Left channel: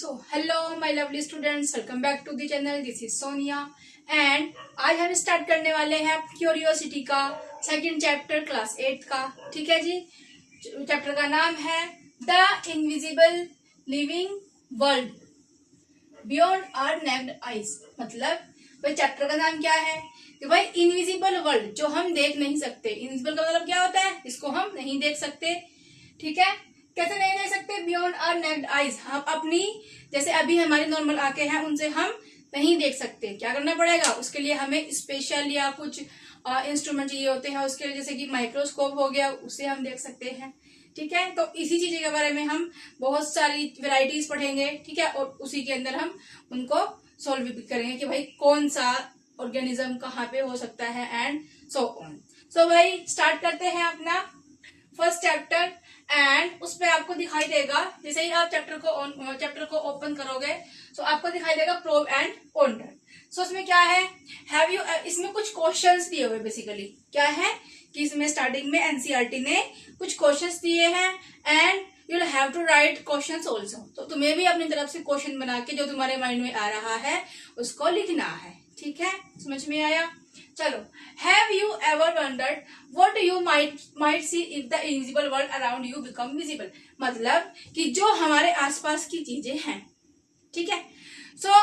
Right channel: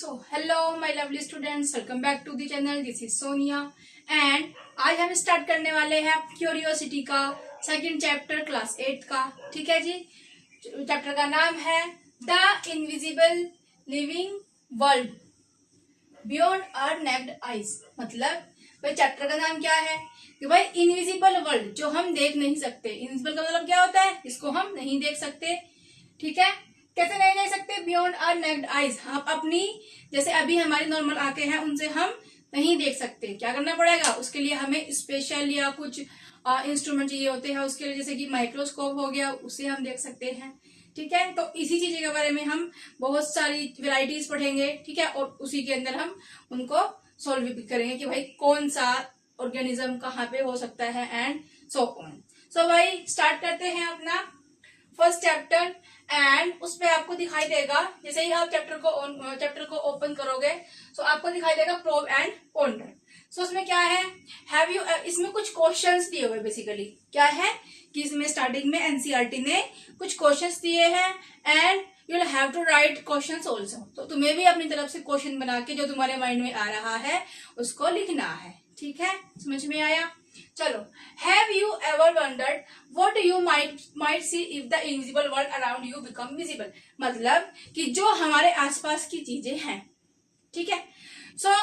So hello my lovely students, welcome back to the channel. This is Sonia and आज हम start करने वाले हैं क्यूरियोसिटी का सेकंड चैप्टर क्लास 8 का। ठीक है जी। चैप्टर का नाम है the invisible living world beyond our naked eyes. मतलब भाई चैप्टर का नाम क्या है कि भाई इनविजिबल वर्ल्ड, जो हम देख नहीं सकते। इनविजिबल का मतलब क्या होता है? इसको हम नहीं देख सकते। ठीक है, कैसे नहीं देख सकते? बियॉन्ड आवर नेक्ड आईज, हम अपनी जैसे अभी हमारी नॉर्मल आंखें हैं उनसे हम नहीं देख सकते। क्या करना पड़ेगा उसके लिए? हमें स्पेशल या कुछ इंस्ट्रूमेंट चाहिए होते हैं उसके लिए, जैसे कि माइक्रोस्कोप हो गया, उससे हम देख सकते हैं। ठीक है, तो इसी चीज के बारे में हम बहुत सारी वेराइटीज पढ़ेंगे। ठीक है, और उसी के अंदर हम उनको सॉल्व भी करेंगे कि भाई कौन सा ऑर्गेनिज्म कहाँ पे हो सकता है एंड सो ऑन। सो भाई स्टार्ट करते हैं अपना फर्स्ट चैप्टर एंड उसमें आपको दिखाई देगा, जैसे ही आप चैप्टर को ओपन करोगे तो आपको दिखाई देगा प्रोब एंड पॉन्डर। सो उसमें क्या है, हैव यू, इसमें कुछ क्वेश्चंस दिए हुए। बेसिकली क्या है कि इसमें स्टार्टिंग में एनसीईआरटी ने कुछ क्वेश्चंस दिए हैं and you will have to write questions also. तो तुम्हें भी अपनी तरफ से क्वेश्चन बना के जो तुम्हारे माइंड में आ रहा है उसको लिखना है। ठीक है, समझ में आया? चलो, have you ever wondered what you might see if the invisible world around you become visible. मतलब कि जो हमारे आसपास की चीजें हैं, ठीक है, सो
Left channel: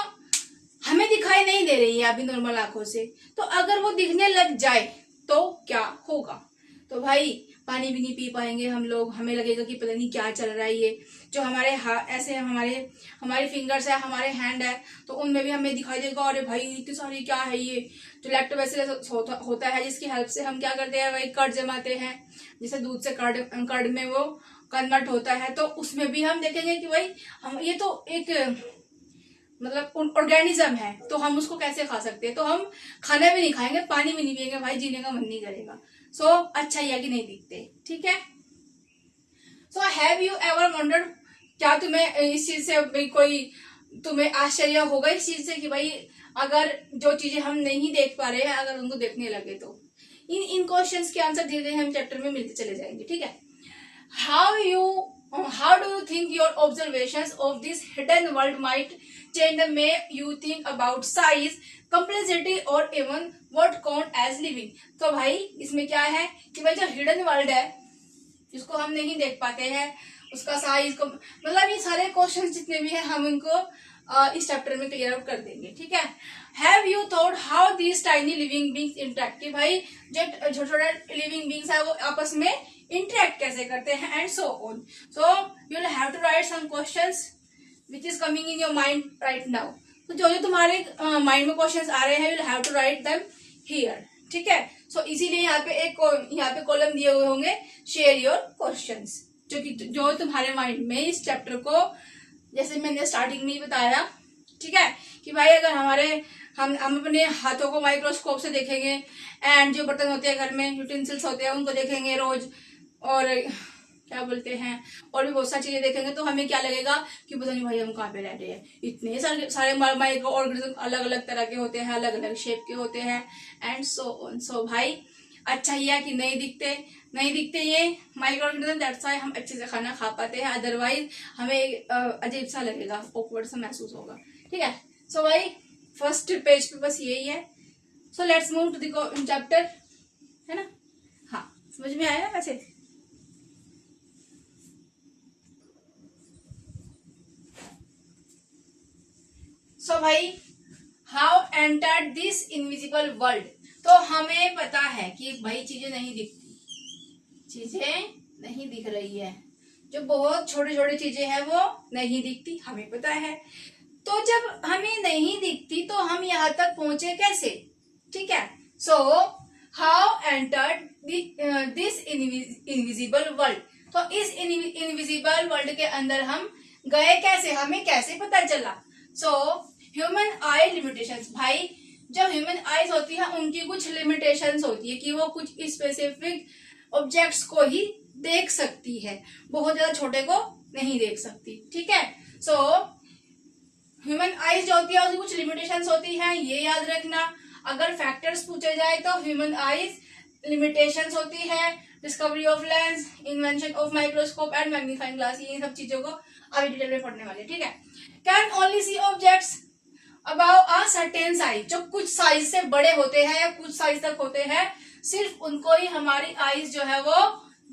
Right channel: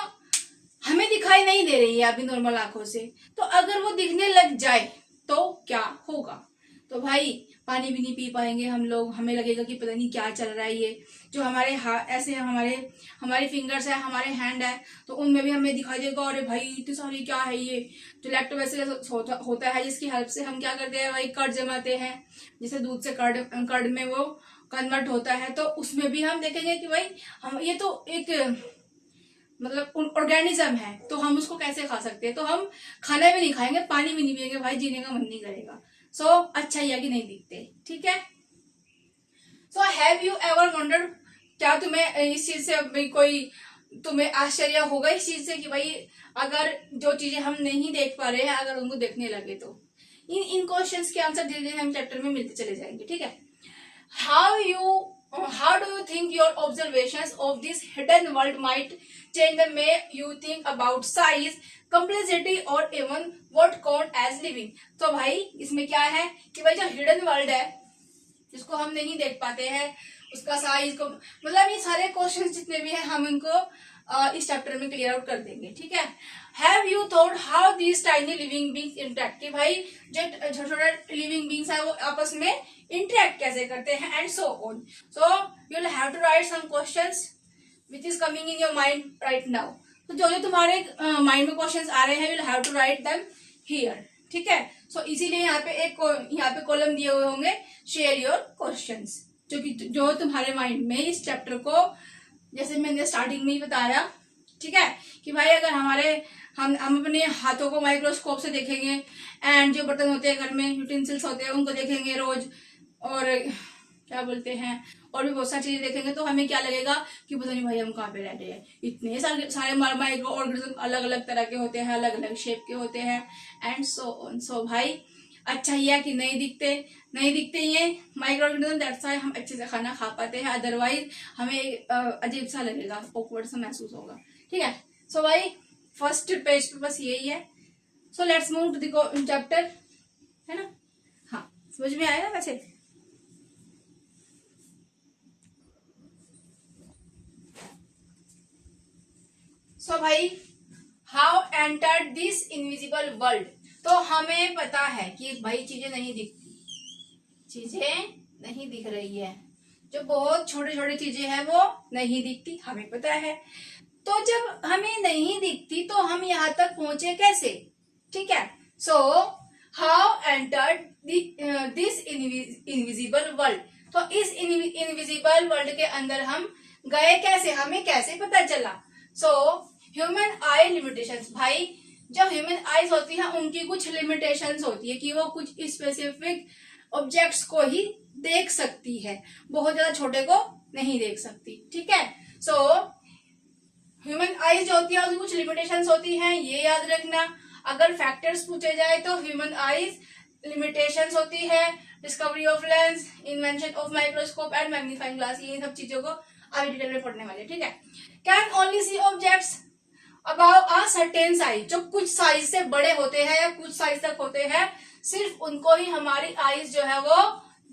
हमें दिखाई नहीं दे रही है अभी नॉर्मल आंखों से, तो अगर वो दिखने लग जाए तो क्या होगा? तो भाई पानी भी नहीं पी पाएंगे हम लोग, हमें लगेगा कि पता नहीं क्या चल रहा है। ये जो हमारे ऐसे हमारे फिंगर्स है, हमारे हैंड है, तो उनमें भी हमें दिखाई देगा अरे भाई इतनी सारी क्या है ये। जो लैक्टोबैसिलस होता है जिसकी हेल्प से हम क्या करते हैं भाई, कर्ड जमाते हैं, जैसे दूध से कर्ड में वो कन्वर्ट होता है। तो उसमें भी हम देखेंगे कि भाई हम ये तो एक मतलब ऑर्गेनिज्म है, तो हम उसको कैसे खा सकते हैं? तो हम खाना भी नहीं खाएंगे, पानी भी नहीं पिएंगे, भाई जीने का मन नहीं करेगा। सो अच्छा ही है कि नहीं दिखते। ठीक है, so have you ever wondered, क्या तुम्हें इस चीज से भाई कोई तुम्हें आश्चर्य होगा इस चीज से कि भाई अगर जो चीजें हम नहीं देख पा रहे हैं अगर उनको देखने लगे तो? इन क्वेश्चंस के आंसर धीरे धीरे हम चैप्टर में मिलते चले जाएंगे। ठीक है, how do you think your observations of this hidden world might change the way you think about size, complexity or even what count as living? तो भाई इसमें क्या है कि भाई जो हिडन वर्ल्ड है जिसको हम नहीं देख पाते हैं, उसका साइज को, मतलब ये सारे क्वेश्चंस जितने भी हैं हम इनको इस चैप्टर में क्लियर आउट कर देंगे। ठीक है, have you thought how these tiny living beings interact, कि भाई जो छोटे छोटे लिविंग बींग्स है वो आपस में इंटरेक्ट कैसे करते हैं and so on. So you will have to write some questions which is coming in your mind right now. तो जो जो तुम्हारे माइंड में क्वेश्चंस आ रहे हैं you will have to write them here. ठीक है, सो इसीलिए यहाँ पे कॉलम दिए हुए होंगे शेयर योर क्वेश्चंस, जो तुम्हारे माइंड में इस चैप्टर को, जैसे मैंने स्टार्टिंग में ही बताया, ठीक है, कि भाई अगर हम अपने हाथों को माइक्रोस्कोप से देखेंगे एंड जो बर्तन होते हैं घर में, यूटेंसिल्स होते हैं, उनको देखेंगे रोज, और क्या बोलते हैं, और भी बहुत सारी चीजें देखेंगे, तो हमें क्या लगेगा कि पता नहीं भाई हम कहाँ पे रह रहे हैं। इतने सारे माइक्रो ऑर्गेनिज्म अलग अलग तरह के होते हैं, अलग अलग शेप के होते हैं एंड सो ऑन। सो भाई अच्छा ही है कि नहीं दिखते ये माइक्रो ऑर्गेनिज्म, दैट्स व्हाई हम अच्छे से खाना खा पाते हैं, अदरवाइज हमें अजीब सा लगेगा, ऑकवर्ड सा महसूस होगा। ठीक है, सो भाई फर्स्ट पेज पे बस यही है। So let's move to the chapter, है ना? हाँ, समझ में आया ना वैसे? सो भाई how entered this invisible world, तो हमें पता है कि भाई चीजें नहीं दिख रही है, जो बहुत छोटी छोटी चीजें हैं वो नहीं दिखती, हमें पता है। तो जब हमें नहीं दिखती तो हम यहाँ तक पहुंचे कैसे? ठीक है, so how entered this invisible world, तो इस इनविजिबल वर्ल्ड के अंदर हम गए कैसे, हमें कैसे पता चला? सो ह्यूमन आई लिमिटेशंस, भाई जो ह्यूमन आईज होती है उनकी कुछ लिमिटेशंस होती है कि वो कुछ स्पेसिफिक ऑब्जेक्ट्स को ही देख सकती है, बहुत ज्यादा छोटे को नहीं देख सकती। ठीक है, सो ह्यूमन आईज जो होती है उसकी कुछ लिमिटेशंस होती हैं, ये याद रखना। अगर फैक्टर्स पूछे जाए तो ह्यूमन आईज लिमिटेशंस होती है, discovery of lens, invention of microscope and magnifying glass, ये सब चीजों को अभी डिटेल में पढ़ने वाले, ठीक है। Can only see objects about a certain size, जो कुछ साइज से बड़े होते हैं या कुछ साइज तक होते हैं, सिर्फ उनको ही हमारी आईज जो है वो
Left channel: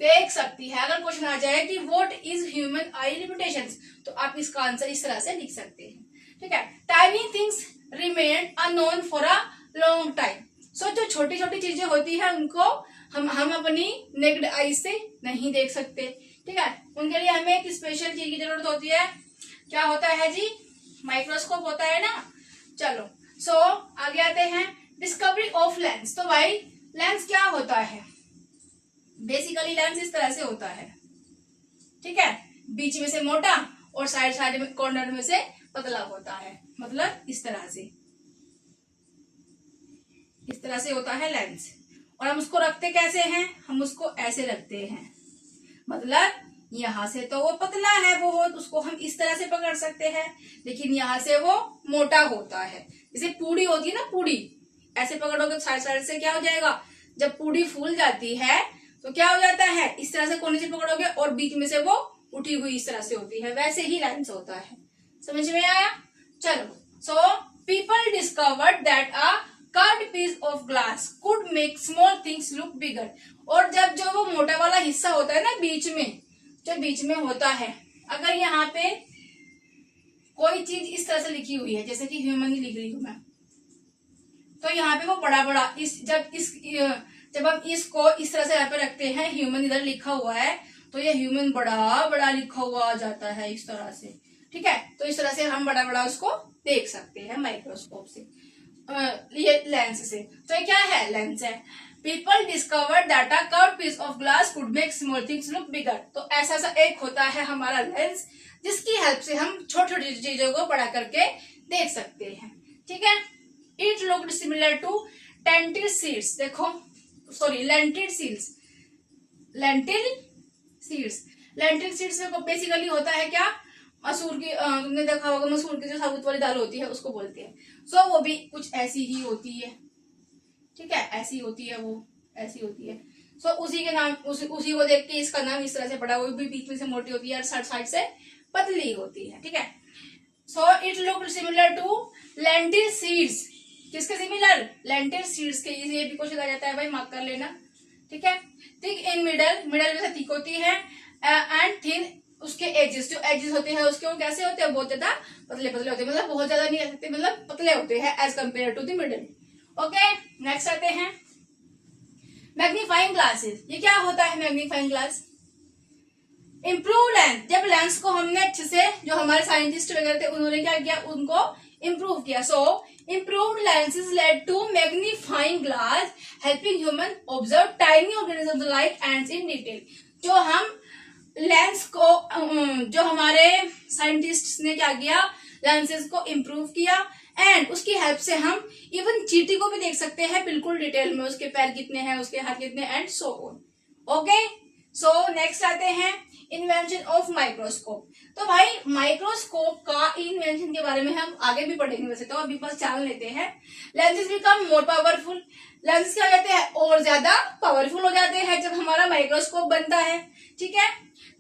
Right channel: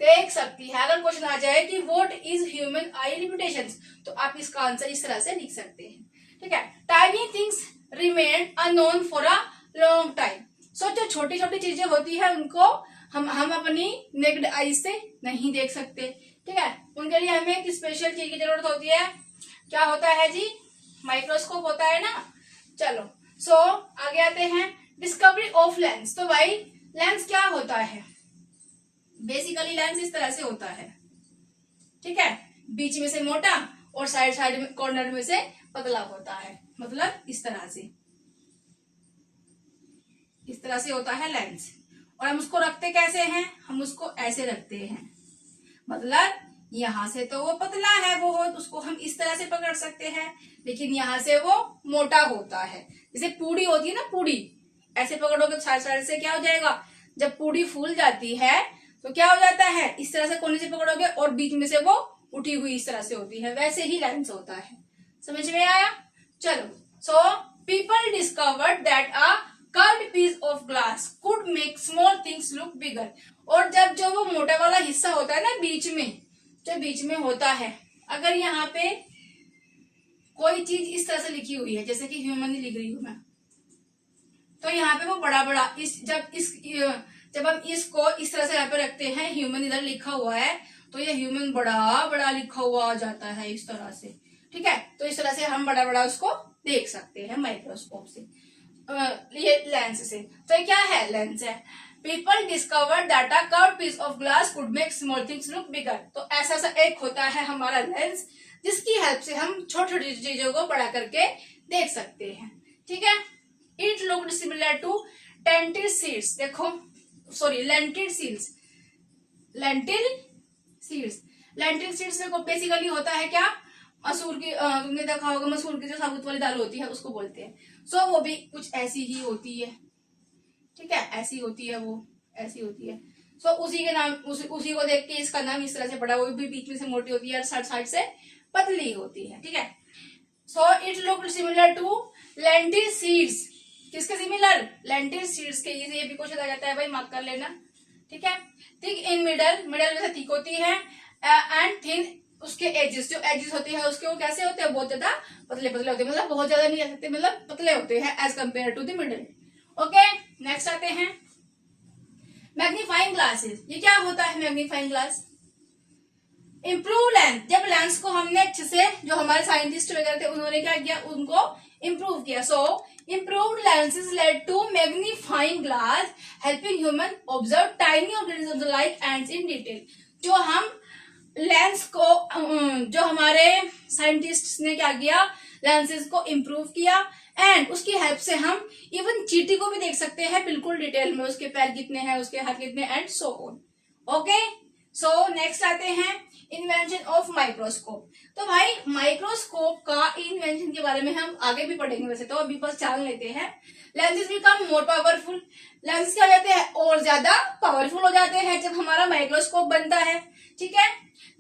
देख सकती है। अगर क्वेश्चन आ जाए कि what is human I limitations, तो आप इसका आंसर इस तरह से लिख सकते हैं, ठीक है। Tiny things remain unknown for a long time. So जो छोटी छोटी चीजें होती है उनको हम अपनी नेक्ड आईज से नहीं देख सकते, ठीक है। उनके लिए हमें एक स्पेशल चीज की जरूरत होती है। क्या होता है जी? माइक्रोस्कोप होता है ना। चलो सो आगे आते हैं, डिस्कवरी ऑफ लेंस। तो भाई लेंस क्या होता है? बेसिकली लेंस इस तरह से होता है, ठीक है। बीच में से मोटा और साइड साइड में कॉर्नर में से पतला होता है, मतलब इस तरह से होता है लेंस। और हम उसको रखते कैसे हैं? हम उसको ऐसे रखते हैं, मतलब यहां से तो वो पतला है, वो उसको हम इस तरह से पकड़ सकते हैं, लेकिन यहां से वो मोटा होता है। जैसे पूड़ी होती है ना, पूड़ी ऐसे पकड़ोगे साइड साइड से, क्या हो जाएगा? जब पूड़ी फूल जाती है तो क्या हो जाता है? इस तरह से कोने से पकड़ोगे और बीच में से वो उठी हुई इस तरह से होती है, वैसे ही लेंस होता है। समझ में आया? चलो, so people discovered that a curved piece of glass could make small things look bigger. और जब जो वो मोटा वाला हिस्सा होता है ना बीच में, जो बीच में होता है, अगर यहाँ पे कोई चीज इस तरह से लिखी हुई है, जैसे कि ह्यूमन ही लिख रही हूं मैं, तो यहाँ पे वो बड़ा बड़ा जब हम इसको इस तरह से यहाँ पे रखते हैं, ह्यूमन इधर लिखा हुआ है, तो ये ह्यूमन बड़ा बड़ा लिखा हुआ आ जाता है इस तरह से, ठीक है। तो इस तरह से हम बड़ा बड़ा उसको देख सकते हैं माइक्रोस्कोप से, ये लेंस से। तो ये क्या है? लेंस है। People discover that a curved piece of glass could make small things look bigger. तो ऐसा सा एक होता है हमारा लेंस, जिसकी हेल्प से हम छोटी छोटी चीजों को बड़ा करके देख सकते हैं, ठीक है। It looked similar to tented seeds. देखो, sorry, lentil seeds. Lentil seeds में बेसिकली होता है क्या? मसूर की, तुमने देखा होगा मसूर की जो साबुत वाली दाल होती है उसको बोलते हैं। सो वो भी कुछ ऐसी ही होती है, ठीक है, ऐसी होती है, वो ऐसी होती है। सो उसी के नाम, उसी को देख के इसका नाम इस तरह से पड़ा। वो भी बीच में से मोटी होती है और साइड से पतली होती है, ठीक है। So it looked similar to lentil seeds. किसके सिमिलर? लेंटिल सीड्स के। ये भी क्वेश्चन आ जाता है भाई, मार्क कर लेना, ठीक है। थिक इन मिडल में से थिक होती है, एंड थिन उसके एजेस, जो एजेस होते हैं उसके वो कैसे होते हैं? बहुत ज्यादा पतले पतले होते हैं, मतलब बहुत ज्यादा नहीं कह सकते, मतलब पतले होते हैं as compared to the middle. Okay, next आते हैं मैग्नीफाइंग ग्लासेस। ये क्या होता है मैग्नीफाइंग ग्लास? Improve lens. जब लेंस को हमने अच्छे से, जो हमारे साइंटिस्ट वगैरह थे उन्होंने क्या किया? उनको इम्प्रूव किया। सो improved lenses led to magnifying glass helping human observe tiny organisms like ants in detail। जो हम लेंस को, जो हमारे साइंटिस्ट ने क्या किया? लेंसेज को इम्प्रूव किया, एंड उसकी हेल्प से हम इवन चींटी को भी देख सकते हैं बिल्कुल डिटेल में, उसके पैर कितने हैं, उसके हाथ कितने, and so on. Okay, so next आते हैं इन्वेंशन ऑफ माइक्रोस्कोप। तो भाई माइक्रोस्कोप का इन्वेंशन के बारे में हम आगे भी पढ़ेंगे, वैसे तो अभी बस जान लेते हैं। Lenses become more powerful. Lens क्या कहते हैं? और ज्यादा पावरफुल हो जाते हैं जब हमारा माइक्रोस्कोप बनता है, ठीक है।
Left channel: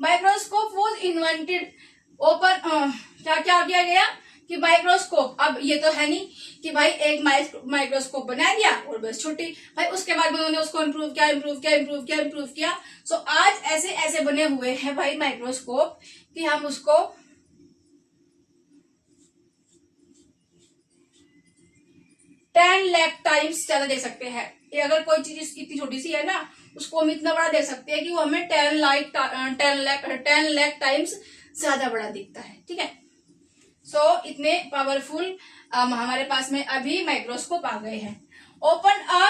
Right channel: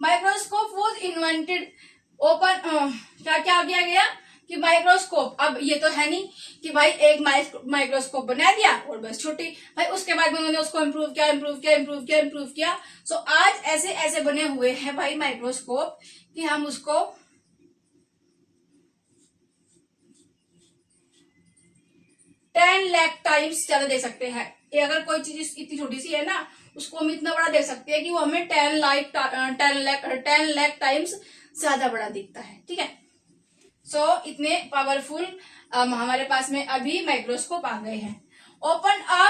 माइक्रोस्कोप वॉज इन्वेंटेड ओपन, क्या क्या किया गया कि माइक्रोस्कोप, अब ये तो है नहीं कि भाई एक माइक्रोस्कोप बना दिया और बस छुट्टी, भाई उसके बाद में उन्होंने उसको इम्प्रूव किया। सो आज ऐसे ऐसे बने हुए हैं भाई माइक्रोस्कोप कि हम उसको 10 लाख टाइम्स ज्यादा देख सकते हैं। अगर कोई चीज इतनी छोटी सी है ना, उसको हम इतना बड़ा देख सकते हैं कि वो हमें 10 लाख टाइम्स ज्यादा बड़ा दिखता है, ठीक है। सो इतने पावरफुल हमारे पास में अभी माइक्रोस्कोप आ गए हैं। Open a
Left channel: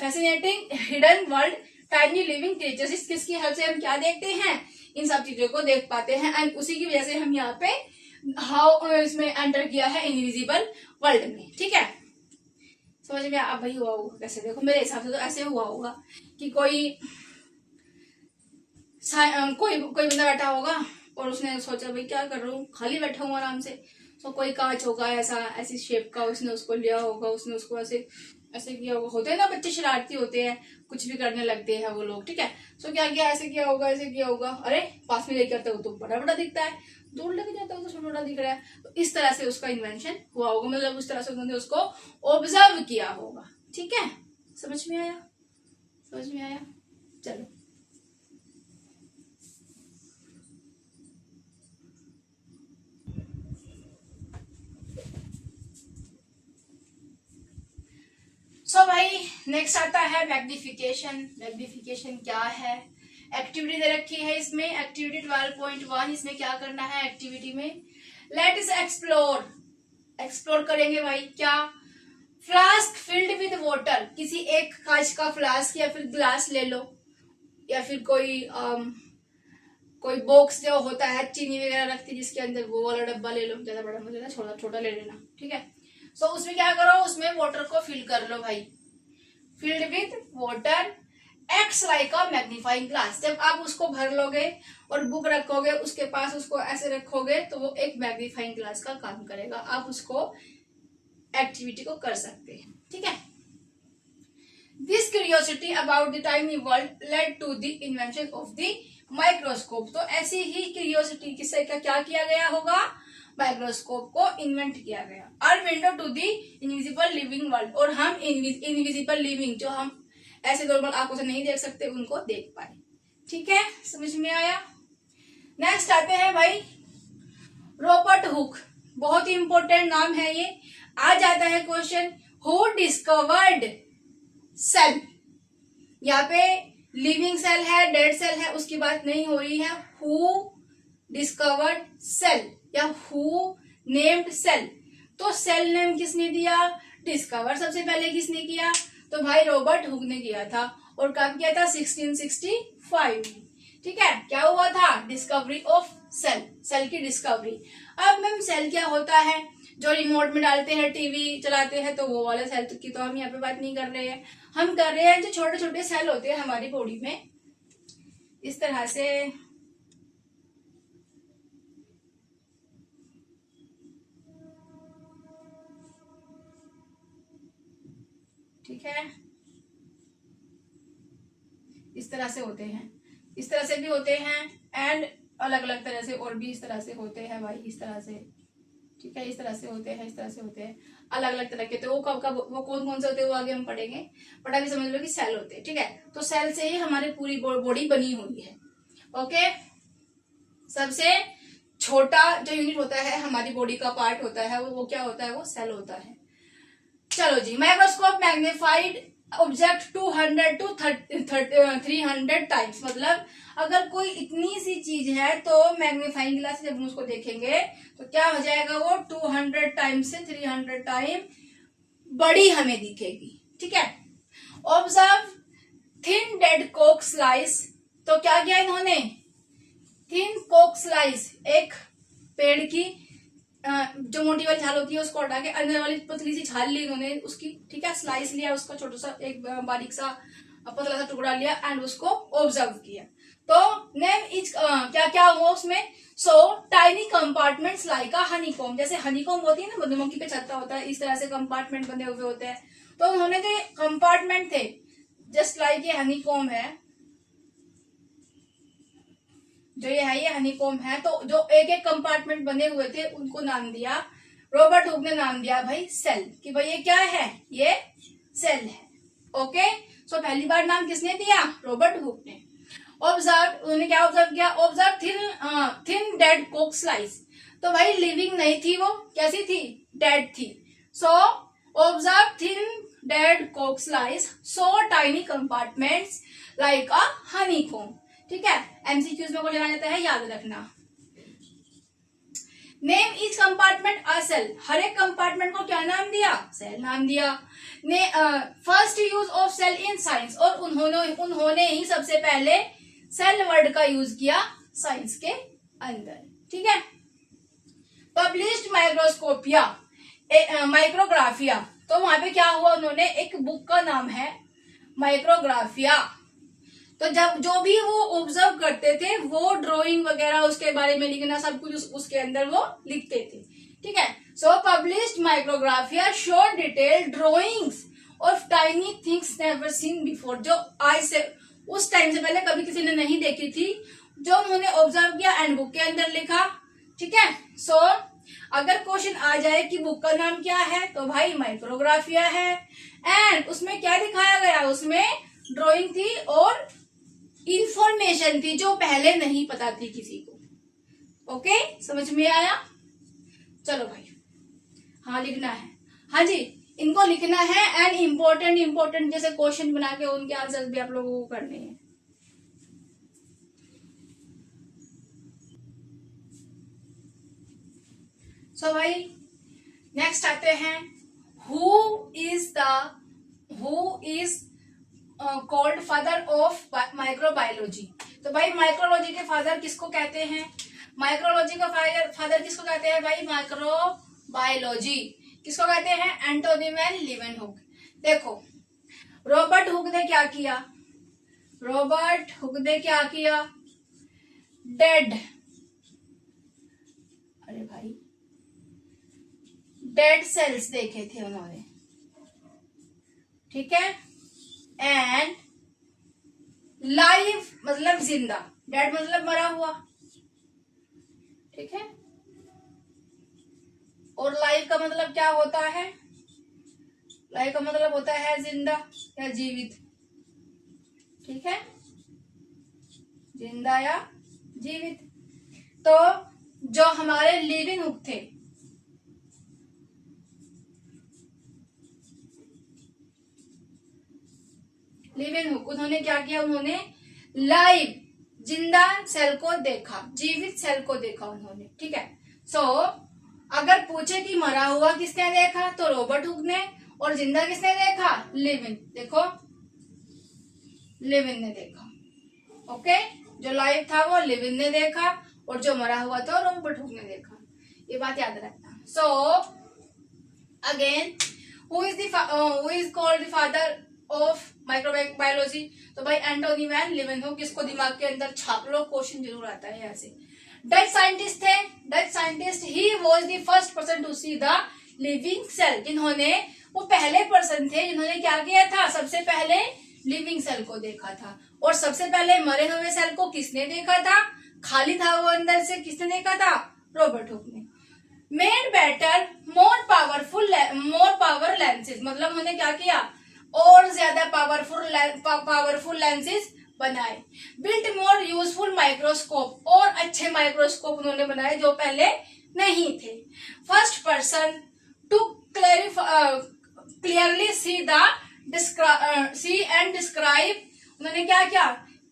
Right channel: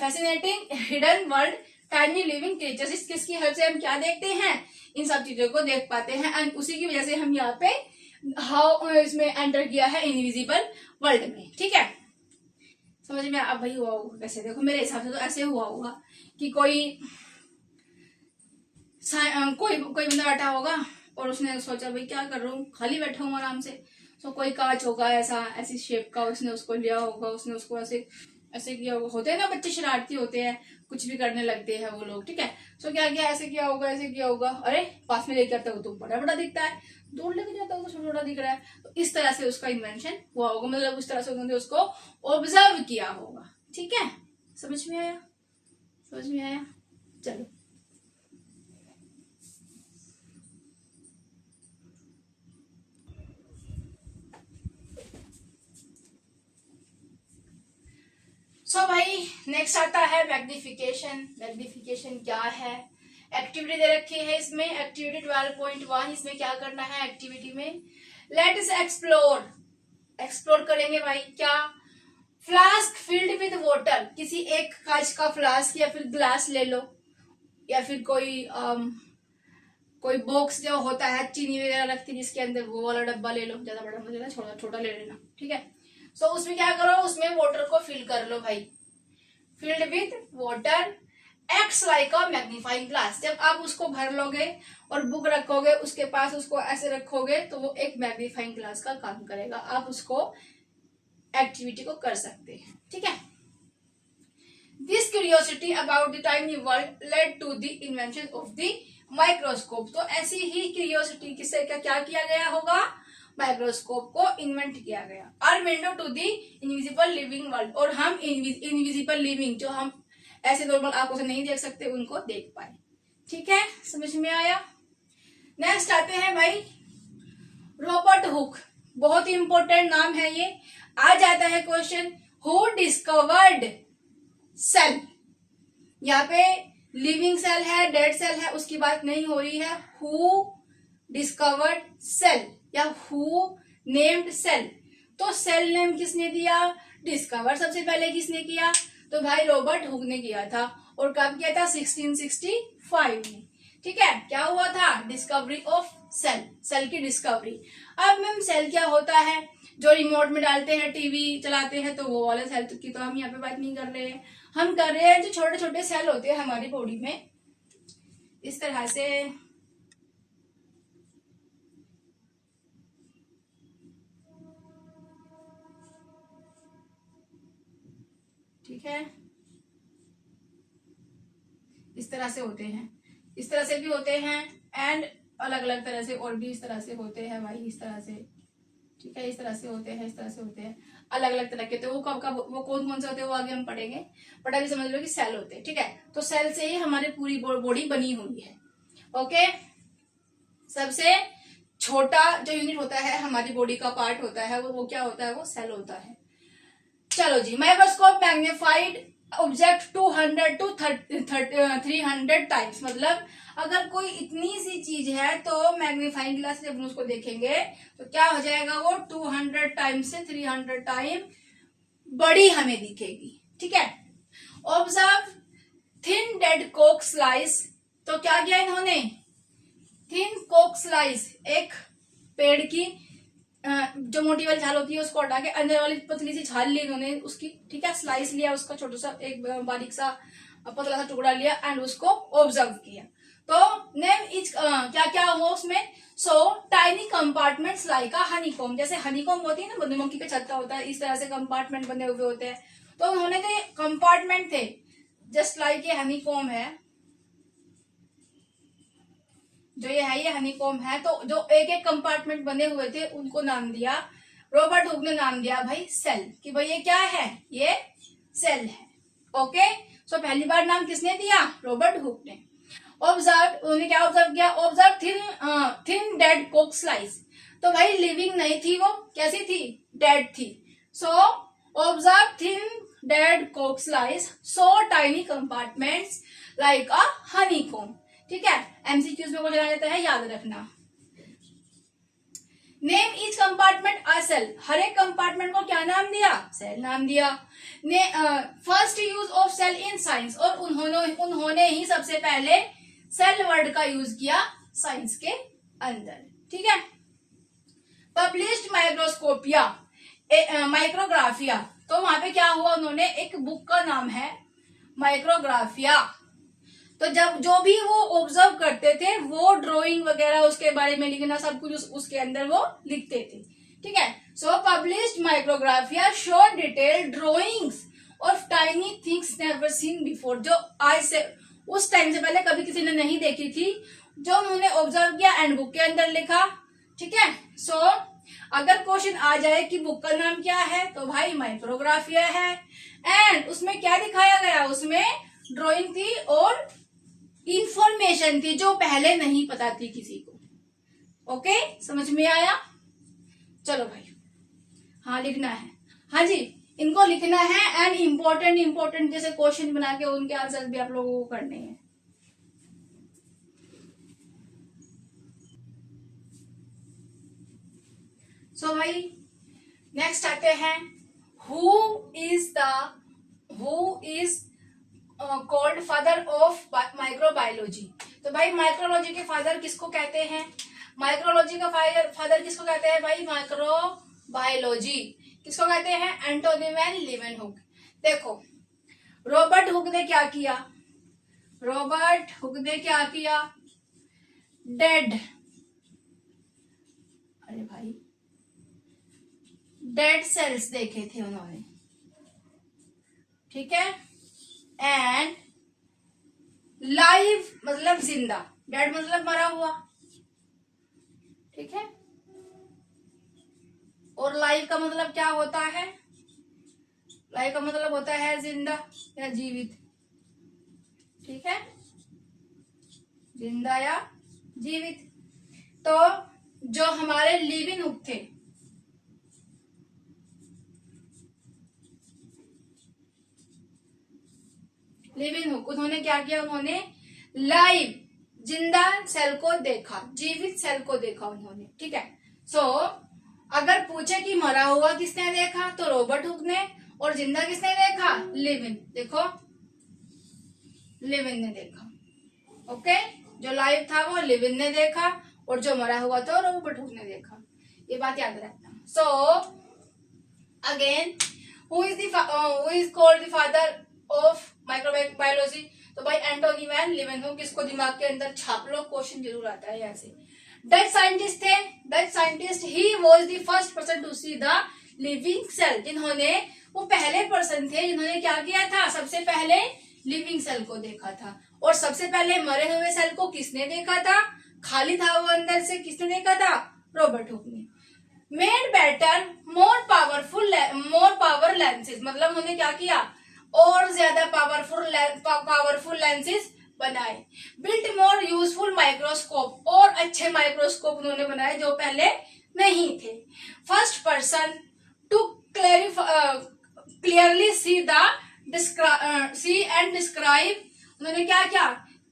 fascinating hidden world tiny living creatures. किसकी हेल्प से हम क्या देखते हैं? इन सब चीजों को देख पाते हैं, एंड उसी की वजह से हम यहाँ पे इसमें एंटर किया है इनविजिबल वर्ल्ड में, ठीक है। समझ में अब भाई हुआ होगा कैसे? देखो मेरे हिसाब से तो ऐसे हुआ होगा कि कोई बंदा बैठा होगा और उसने सोचा भाई क्या कर रहा हूँ, खाली बैठा हूँ आराम से। तो कोई कांच होगा ऐसी शेप का, उसने उसको लिया होगा, उसने उसको ऐसे ऐसे किया होगा, होते हैं ना बच्चे शरारती होते हैं, कुछ भी करने लगते हैं वो लोग, ठीक है। सो क्या किया, ऐसे किया होगा, ऐसे किया होगा, अरे पास में लेके आता है वो तो बड़ा बड़ा दिखता है, दूर लेके जाता है तो छोटा छोटा दिख रहा है। तो इस तरह से उसका इन्वेंशन हुआ होगा, मतलब उस तरह से उन्होंने उसको ऑब्जर्व किया होगा, ठीक है। समझ में आया, समझ में आया, चलो। सो भाई नेक्स्ट आता है मैग्निफिकेशन। मैग्निफिकेशन क्या है, एक्टिविटी दे रखी है इसमें, एक्टिविटी 12.1। इसमें क्या करना है एक्टिविटी में, लेट इस एक्सप्लोर, एक्सप्लोर करेंगे भाई क्या, फ्लास्क फिल्ड विद वाटर, किसी एक कांच का फ्लास्क या फिर ग्लास ले लो, या फिर कोई बॉक्स जो होता है चीनी वगैरह रखती है जिसके अंदर, वो वाला डब्बा ले लो, ज्यादा बड़ा मत लेना, छोटा छोटा ले लेना, ठीक है। सो उसमें क्या करो, उसमें वाटर को फिल कर लो भाई, filled with water acts like a magnifying glass. जब आप उसको भर लोगे और बुक रखोगे उसके पास, उसको ऐसे रखोगे तो वो एक मैग्नीफाइंग ग्लास का काम करेगा, आप उसको एक्टिविटी को कर सकते हैं, ठीक है। This curiosity about the tiny world led to the invention of the microscope. तो ऐसी ही क्यूरियोसिटी किसे क्या किया गया होगा, माइक्रोस्कोप को इन्वेंट किया गया। Our window to the invisible living world, और हम इनविजिबल लिविंग, जो हम ऐसे नॉर्मल आंखों से नहीं देख सकते, उनको देख पाए, ठीक है। समझ में आया। नेक्स्ट आते हैं भाई रॉबर्ट हुक, बहुत ही इंपॉर्टेंट नाम है ये, आ जाता है क्वेश्चन, हु डिस्कवर्ड सेल। यहाँ पे लिविंग सेल है, डेड सेल है, उसकी बात नहीं हो रही है, हु डिस्कवर्ड सेल या हु नेम्ड सेल। तो सेल नेम किसने दिया, डिस्कवर सबसे पहले किसने किया, तो भाई रॉबर्ट हुक ने किया था, और कब किया था, 1665 में, ठीक है। क्या हुआ था, डिस्कवरी ऑफ सेल, सेल की डिस्कवरी। अब मैम सेल क्या होता है, जो रिमोट में डालते हैं, टीवी चलाते हैं, तो वो वाले सेल की तो हम यहाँ पे बात नहीं कर रहे हैं, हम कर रहे हैं जो छोटे छोटे सेल होते हैं हमारी बॉडी में, इस तरह से, ठीक है, इस तरह से होते हैं, इस तरह से भी होते हैं, एंड अलग अलग तरह से और भी इस तरह से होते हैं भाई, इस तरह से, ठीक है, इस तरह से होते हैं, इस तरह से होते हैं, अलग अलग तरह के। तो वो कब कब वो कौन कौन से होते हैं वो आगे हम पढ़ेंगे, बट अभी समझ लो कि सेल होते हैं, ठीक है। तो सेल से ही हमारी पूरी बॉडी बनी हुई है, ओके। सबसे छोटा जो यूनिट होता है हमारी बॉडी का पार्ट होता है वो क्या होता है, वो सेल होता है। चलो जी, microscope magnified object 200 to 300 times, मतलब अगर कोई इतनी सी चीज है तो मैग्नीफाइंग ग्लास से जब हम उसको देखेंगे तो क्या हो जाएगा, वो 200 टाइम से 300 टाइम बड़ी हमें दिखेगी, ठीक है। Observe thin dead Coke slice, तो क्या किया इन्होंने, थिन कोक स्लाइस, एक पेड़ की जो मोटी वाली छाल होती है उसको हटा के अंदर वाली पतली सी छाल ली इन्होंने उसकी, ठीक है, स्लाइस लिया उसका, छोटा सा एक बारीक सा पतला सा टुकड़ा लिया एंड उसको ऑब्जर्व किया। तो नेम इज क्या क्या हुआ उसमें, सो टाइनी कंपार्टमेंट्स लाइक अ हनीकॉम्ब, जैसे हनीकॉम्ब होती है ना, मधुमक्खी का छत्ता होता है, इस तरह से कंपार्टमेंट बने हुए होते हैं। तो उन्होंने जो ये कंपार्टमेंट थे जस्ट लाइक ये हनीकॉम्ब है, जो ये है ये हनीकॉम्ब है, तो जो एक एक कंपार्टमेंट बने हुए थे उनको नाम दिया, रॉबर्ट हुक ने नाम दिया भाई सेल, कि भाई ये क्या है, ये सेल है, ओके। सो पहली बार नाम किसने दिया, रॉबर्ट हुक ने। ऑब्जर्व, उन्होंने क्या ऑब्जर्व किया, observe thin dead Coke slice, तो भाई लिविंग नहीं थी वो, कैसी थी, डेड थी। So observe thin dead Coke slice, so tiny compartments like अ हनीकॉम्ब, ठीक है। एमसीक्यूज में क्वेश्चन आ जाता है, याद रखना। Name each compartment a cell, हर एक कंपार्टमेंट को क्या नाम दिया, सेल नाम दिया। First use of cell in science, और उन्होंने ही सबसे पहले सेल वर्ड का यूज किया साइंस के अंदर, ठीक है। पब्लिश्ड माइक्रोस्कोपिया माइक्रोग्राफिया, तो वहां पे क्या हुआ, उन्होंने एक बुक का नाम है माइक्रोग्राफिया, तो जब जो भी वो ऑब्जर्व करते थे वो ड्राइंग वगैरह उसके बारे में लिखना सब कुछ उसके अंदर वो लिखते थे, ठीक है। So published micrographia show detail drawings of tiny things never seen before, जो आज से उस टाइम से पहले कभी किसी ने नहीं देखी थी, जो उन्होंने ऑब्जर्व किया एंड बुक के अंदर लिखा। ठीक है, सो अगर क्वेश्चन आ जाए कि बुक का नाम क्या है, तो भाई माइक्रोग्राफिया है। एंड उसमें क्या दिखाया गया, उसमें ड्राइंग थी और इंफॉर्मेशन थी जो पहले नहीं पता थी किसी को। ओके, समझ में आया? चलो भाई, हाँ लिखना है, हाँ जी इनको लिखना है एंड इम्पोर्टेंट जैसे क्वेश्चन बना के उनके आंसर भी आप लोगों को करने हैं। सो भाई नेक्स्ट आते हैं, who is called father of microbiology. तो भाई माइक्रोलॉजी के फादर किसको कहते हैं? माइक्रोलॉजी का फादर किसको कहते हैं भाई? माइक्रोबायोलॉजी किसको कहते हैं? Antonie van Leeuwenhoek. देखो रॉबर्ट हुक ने क्या किया? डेड सेल्स देखे थे उन्होंने, ठीक है, एंड लाइव मतलब जिंदा, डेड मतलब मरा हुआ, ठीक है, और लाइव का मतलब क्या होता है? लाइव का मतलब होता है जिंदा या जीवित, ठीक है, जिंदा या जीवित। तो जो हमारे लीवेनहुक थे, उन्होंने क्या किया? उन्होंने लाइव जिंदा सेल को देखा, जीवित सेल को देखा उन्होंने, ठीक है। सो अगर पूछे कि मरा हुआ किसने देखा, तो रॉबर्ट हुक ने, और जिंदा किसने देखा? लिविन ने देखा। ओके, जो लाइव था वो लिविन ने देखा और जो मरा हुआ था रॉबर्ट हुक ने देखा। ये बात याद रखना। So again, who is called the father of microbiology? तो भाई एंटोनी वैन लीवेनहुक। इसको दिमाग के अंदर छाप लो, क्वेश्चन जरूर आता है यहाँ से। डच साइंटिस्ट थे, he was the first person to see the living cell. जिन्होंने, वो पहले पर्सन थे जिन्होंने क्या किया था? सबसे पहले लिविंग सेल को देखा था। और सबसे पहले मरे हुए सेल को किसने देखा था? खाली था वो अंदर से, किसने देखा था? रॉबर्ट हुक ने। Made better more power lenses, मतलब उन्होंने क्या किया? और ज्यादा पावरफुल लेंसेज बनाए। बिल्ट मोर यूजफुल माइक्रोस्कोप, और अच्छे माइक्रोस्कोप उन्होंने बनाए जो पहले नहीं थे। First person to clearly see and describe, उन्होंने क्या किया?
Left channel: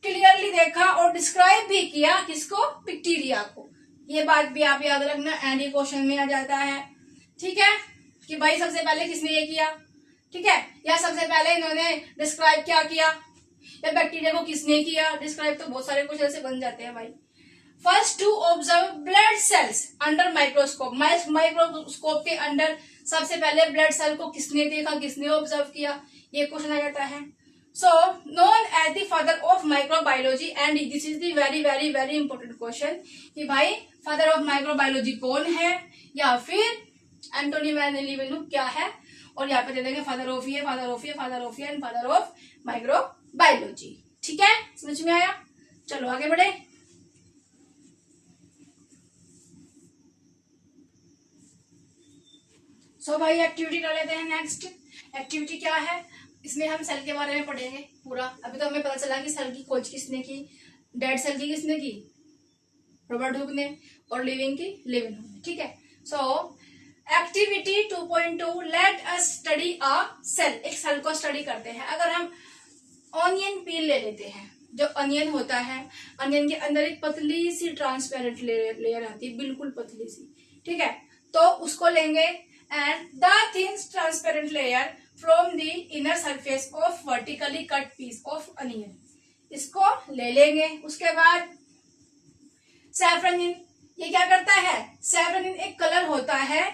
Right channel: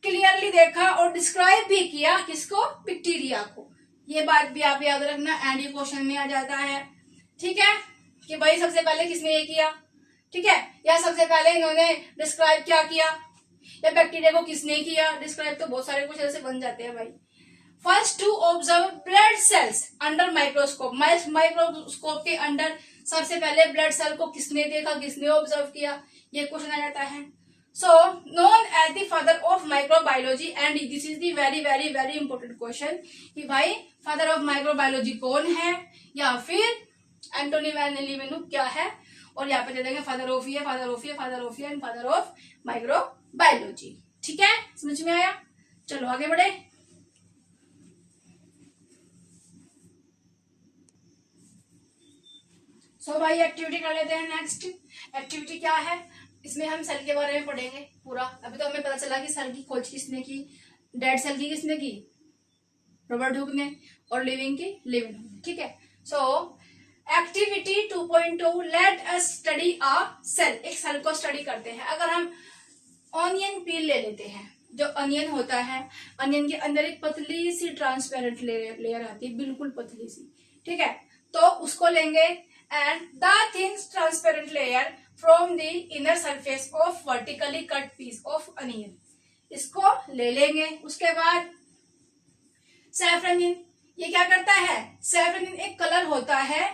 क्लियरली देखा और डिस्क्राइब भी किया, किसको? बैक्टीरिया को। ये बात भी आप याद रखना, एंड ये क्वेश्चन में आ जाता है, ठीक है, कि भाई सबसे पहले किसने ये किया, ठीक है, या सबसे पहले इन्होंने डिस्क्राइब क्या किया, या बैक्टीरिया को किसने किया डिस्क्राइब। तो बहुत सारे कुछ ऐसे बन जाते हैं भाई। First to observe blood cells under microscope, microscope के अंदर सबसे पहले ब्लड सेल को किसने देखा, किसने ऑब्जर्व किया, ये क्वेश्चन आ जाता है। So known as the father of microbiology, and this is the very very very important question कि भाई फादर ऑफ माइक्रोबायोलॉजी कौन है, या फिर एंटोनी वैन लीवेनहुक क्या है, और यहाँ पे दे देंगे father of and father of microbiology. ठीक है, समझ में आया? चलो आगे बढ़े। सो भाई एक्टिविटी कर लेते हैं। नेक्स्ट एक्टिविटी क्या है? इसमें हम सेल के बारे में पढ़ेंगे पूरा। अभी तो हमें पता चला कि सेल की खोज किसने की, डेड सेल की किसने की? रॉबर्ट हुक ने, और लिविंग की लीवेनहुक ने, ठीक है। So activity 2.2 let us study a cell. एक सेल को स्टडी करते हैं। अगर हम ऑनियन पील ले लेते हैं, जो अनियन होता है, अनियन के अंदर एक पतली सी ट्रांसपेरेंट लेयर आती है, बिल्कुल पतली सी, ठीक है, तो उसको लेंगे and the thin transparent layer from the inner surface of vertically cut piece of onion, इसको ले लेंगे। उसके बाद सैफरनिन, ये क्या करता है? सैफरनिन एक कलर होता है।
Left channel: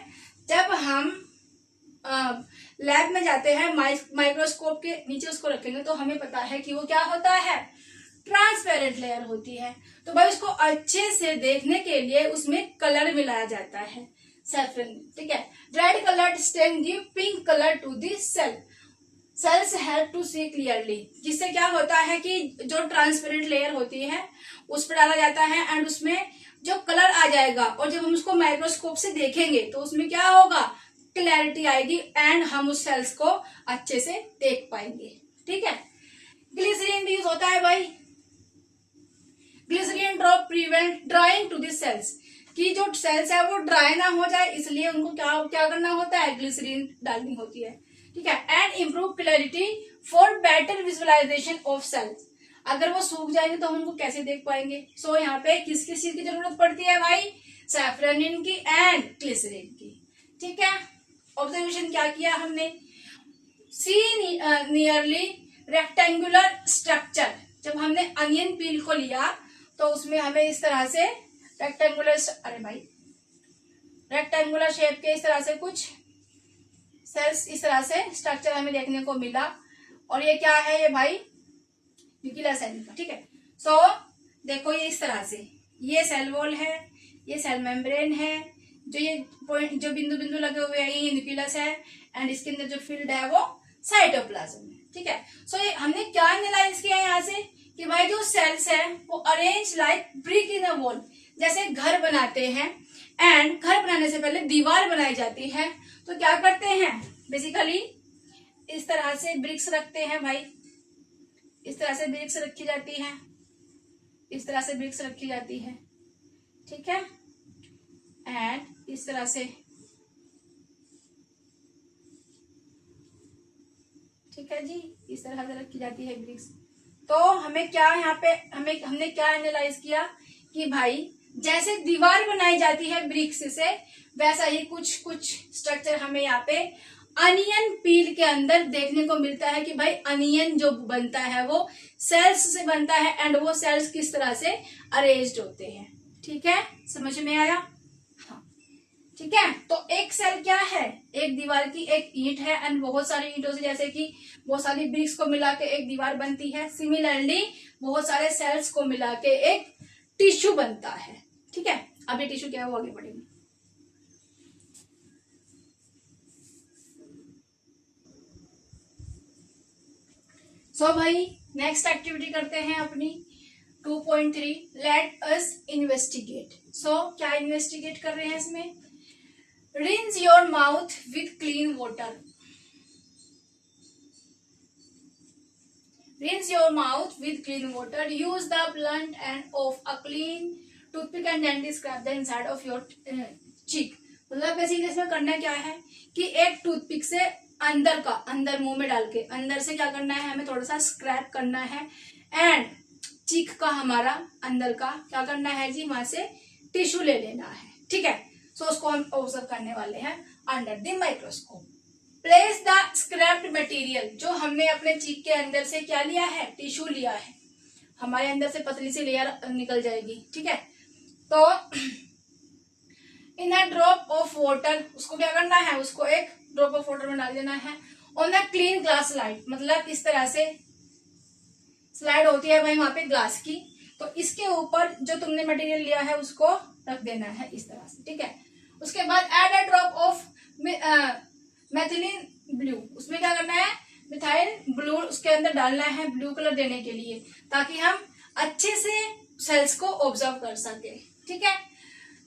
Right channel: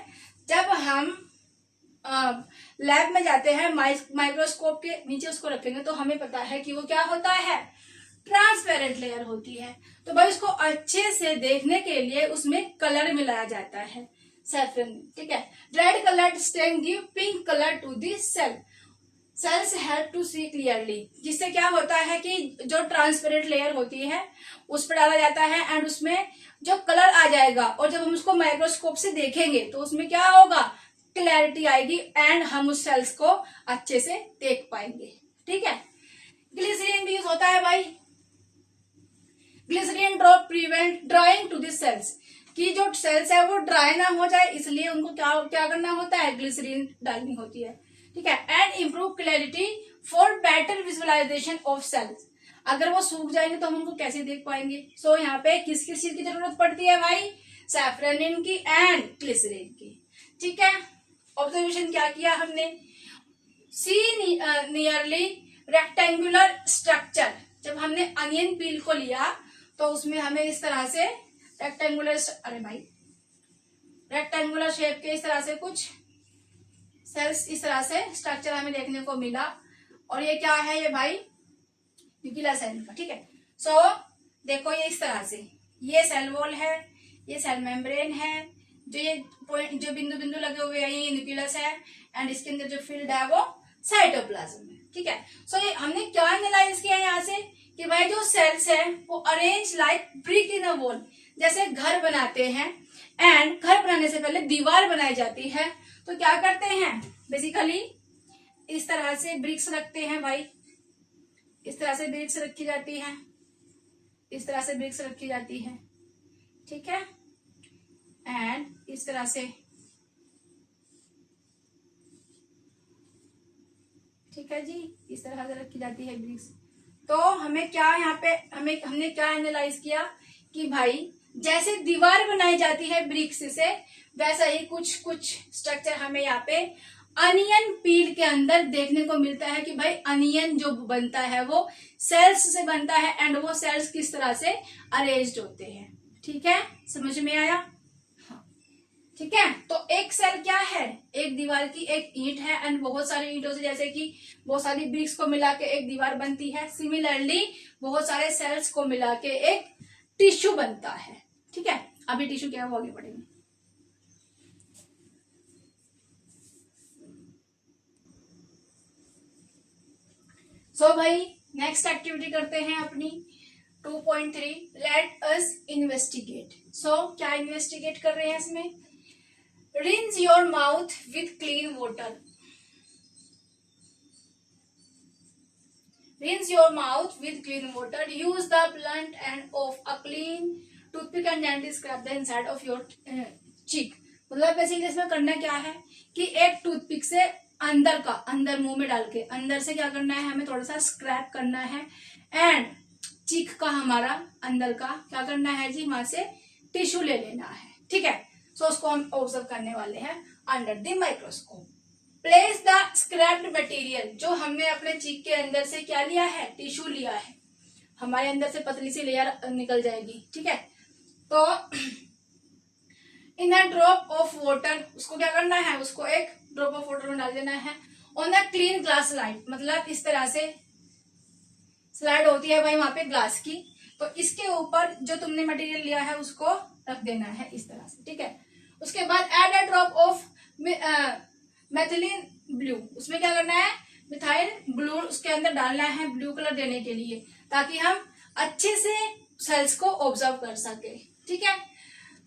जब हम लैब में जाते हैं, माइक्रोस्कोप के नीचे उसको रखेंगे तो हमें पता है कि वो क्या होता है? ट्रांसपेरेंट लेयर होती है। तो भाई उसको अच्छे से देखने के लिए उसमें कलर मिलाया जाता है, सैफरन, ठीक है। Red colour stain give pink colour to the cell. Cells help to see clearly, जिससे क्या होता है कि जो ट्रांसपेरेंट लेयर होती है उस पर डाला जाता है एंड उसमें जो कलर आ जाएगा, और जब हम उसको माइक्रोस्कोप से देखेंगे तो उसमें क्या होगा, क्लैरिटी आएगी एंड हम उस सेल्स को अच्छे से देख पाएंगे। ठीक है। ग्लिसरीन भी यूज होता है भाई। Glycerin drop prevent drying to this cells, कि जो सेल्स है वो ड्राई ना हो जाए, इसलिए उनको क्या क्या करना होता है, ग्लिसरीन डालनी होती है। ठीक है। And improve clarity for better visualisation of cells, अगर वो सूख जाएंगे तो हम उनको कैसे देख पाएंगे। सो यहाँ पे किस किस चीज की जरूरत पड़ती है भाई, सैफरनिन की एंड ग्लिसरीन की। ठीक है। ऑब्जर्वेशन क्या किया हमने, सी नियरली रेक्टेंगुलर स्ट्रक्चर, जब हमने अनियन पील को लिया तो उसमें हमें इस तरह से रेक्टेंगुलर शेप के इस तरह से कुछ सेल्स, इस तरह से स्ट्रक्चर हमें देखने को मिला। और ये क्या है, ये भाई न्यूक्लियर सेल का। ठीक है। सो देखो ये इस तरह से, ये सेल वॉल है, ये सेल मेम्ब्रेन है, जो ये पॉइंट जो बिंदु बिंदु लगे हुए हैं ये न्यूक्लियस है, एंड इसके अंदर जो फील्ड है वो साइटोप्लाज्म है। ठीक है। सो ये हमने क्या एनालाइज किया है यहाँ से कि भाई जो सेल्स है वो arrange like brick in a wall, जैसे घर बनाते हैं एंड घर बनाने से पहले दीवार बनाई जाती है तो क्या करते हैं, बेसिकली इस तरह से ब्रिक्स रखते हैं भाई, इस तरह से ब्रिक्स रखी जाती है, इस तरह से ब्रिक्स रखी जाती है। ठीक है। एंड इस तरह से, ठीक है जी, इस तरह से रखी जाती है ब्रिक्स। तो हमें क्या यहाँ पे हमने क्या एनालाइज किया कि भाई जैसे दीवार बनाई जाती है ब्रिक्स से, वैसा ही कुछ कुछ स्ट्रक्चर हमें यहाँ पे अनियन पील के अंदर देखने को मिलता है कि भाई अनियन जो बनता है वो सेल्स से बनता है एंड वो सेल्स किस तरह से अरेंज्ड होते हैं। ठीक है, समझ में आया। हाँ ठीक है। तो एक सेल क्या है, एक दीवार की एक ईंट है एंड बहुत सारी ईंटों से, जैसे कि बहुत सारी ब्रिक्स को मिला के एक दीवार बनती है, सिमिलरली बहुत सारे सेल्स को मिला के एक टिश्यू बनता है। ठीक है। अभी टिश्यू क्या है वो आगे बढ़ेंगे। सो भाई नेक्स्ट एक्टिविटी करते हैं अपनी 2.3 लेट अस इन्वेस्टिगेट। सो क्या इन्वेस्टिगेट कर रहे हैं इसमें, rinse your mouth with clean water, rinse your mouth with clean water, use the blunt end of a clean toothpick and then scrape the inside of your cheek। मतलब basically इसमें करना क्या है कि एक टूथपिक से अंदर मुंह में डाल के अंदर से क्या करना है, हमें थोड़ा सा स्क्रैप करना है एंड चीक का हमारा अंदर का क्या करना है जी, वहां से टिश्यू ले लेना है। ठीक है। सो उसको हम ऑब्जर्व करने वाले हैं under the microscope. Place the scraped material, जो हमने अपने चीक के अंदर से क्या लिया है, टिश्यू लिया है, हमारे अंदर से पतली सी लेयर निकल जाएगी। ठीक है। तो इन अ ड्रॉप ऑफ वाटर, उसको क्या करना है, उसको एक ड्रॉप ऑफ वाटर में डाल देना है। On a clean glass slide, मतलब इस तरह से स्लाइड होती है भाई वहां पे ग्लास की, तो इसके ऊपर जो तुमने मटेरियल लिया है उसको रख देना है इस तरह से। ठीक है। उसके बाद add a drop of methylene blue, उसमें क्या करना है, मिथाइल ब्लू उसके अंदर डालना है ब्लू कलर देने के लिए, ताकि हम अच्छे से सेल्स को ऑब्जर्व कर सके। ठीक है।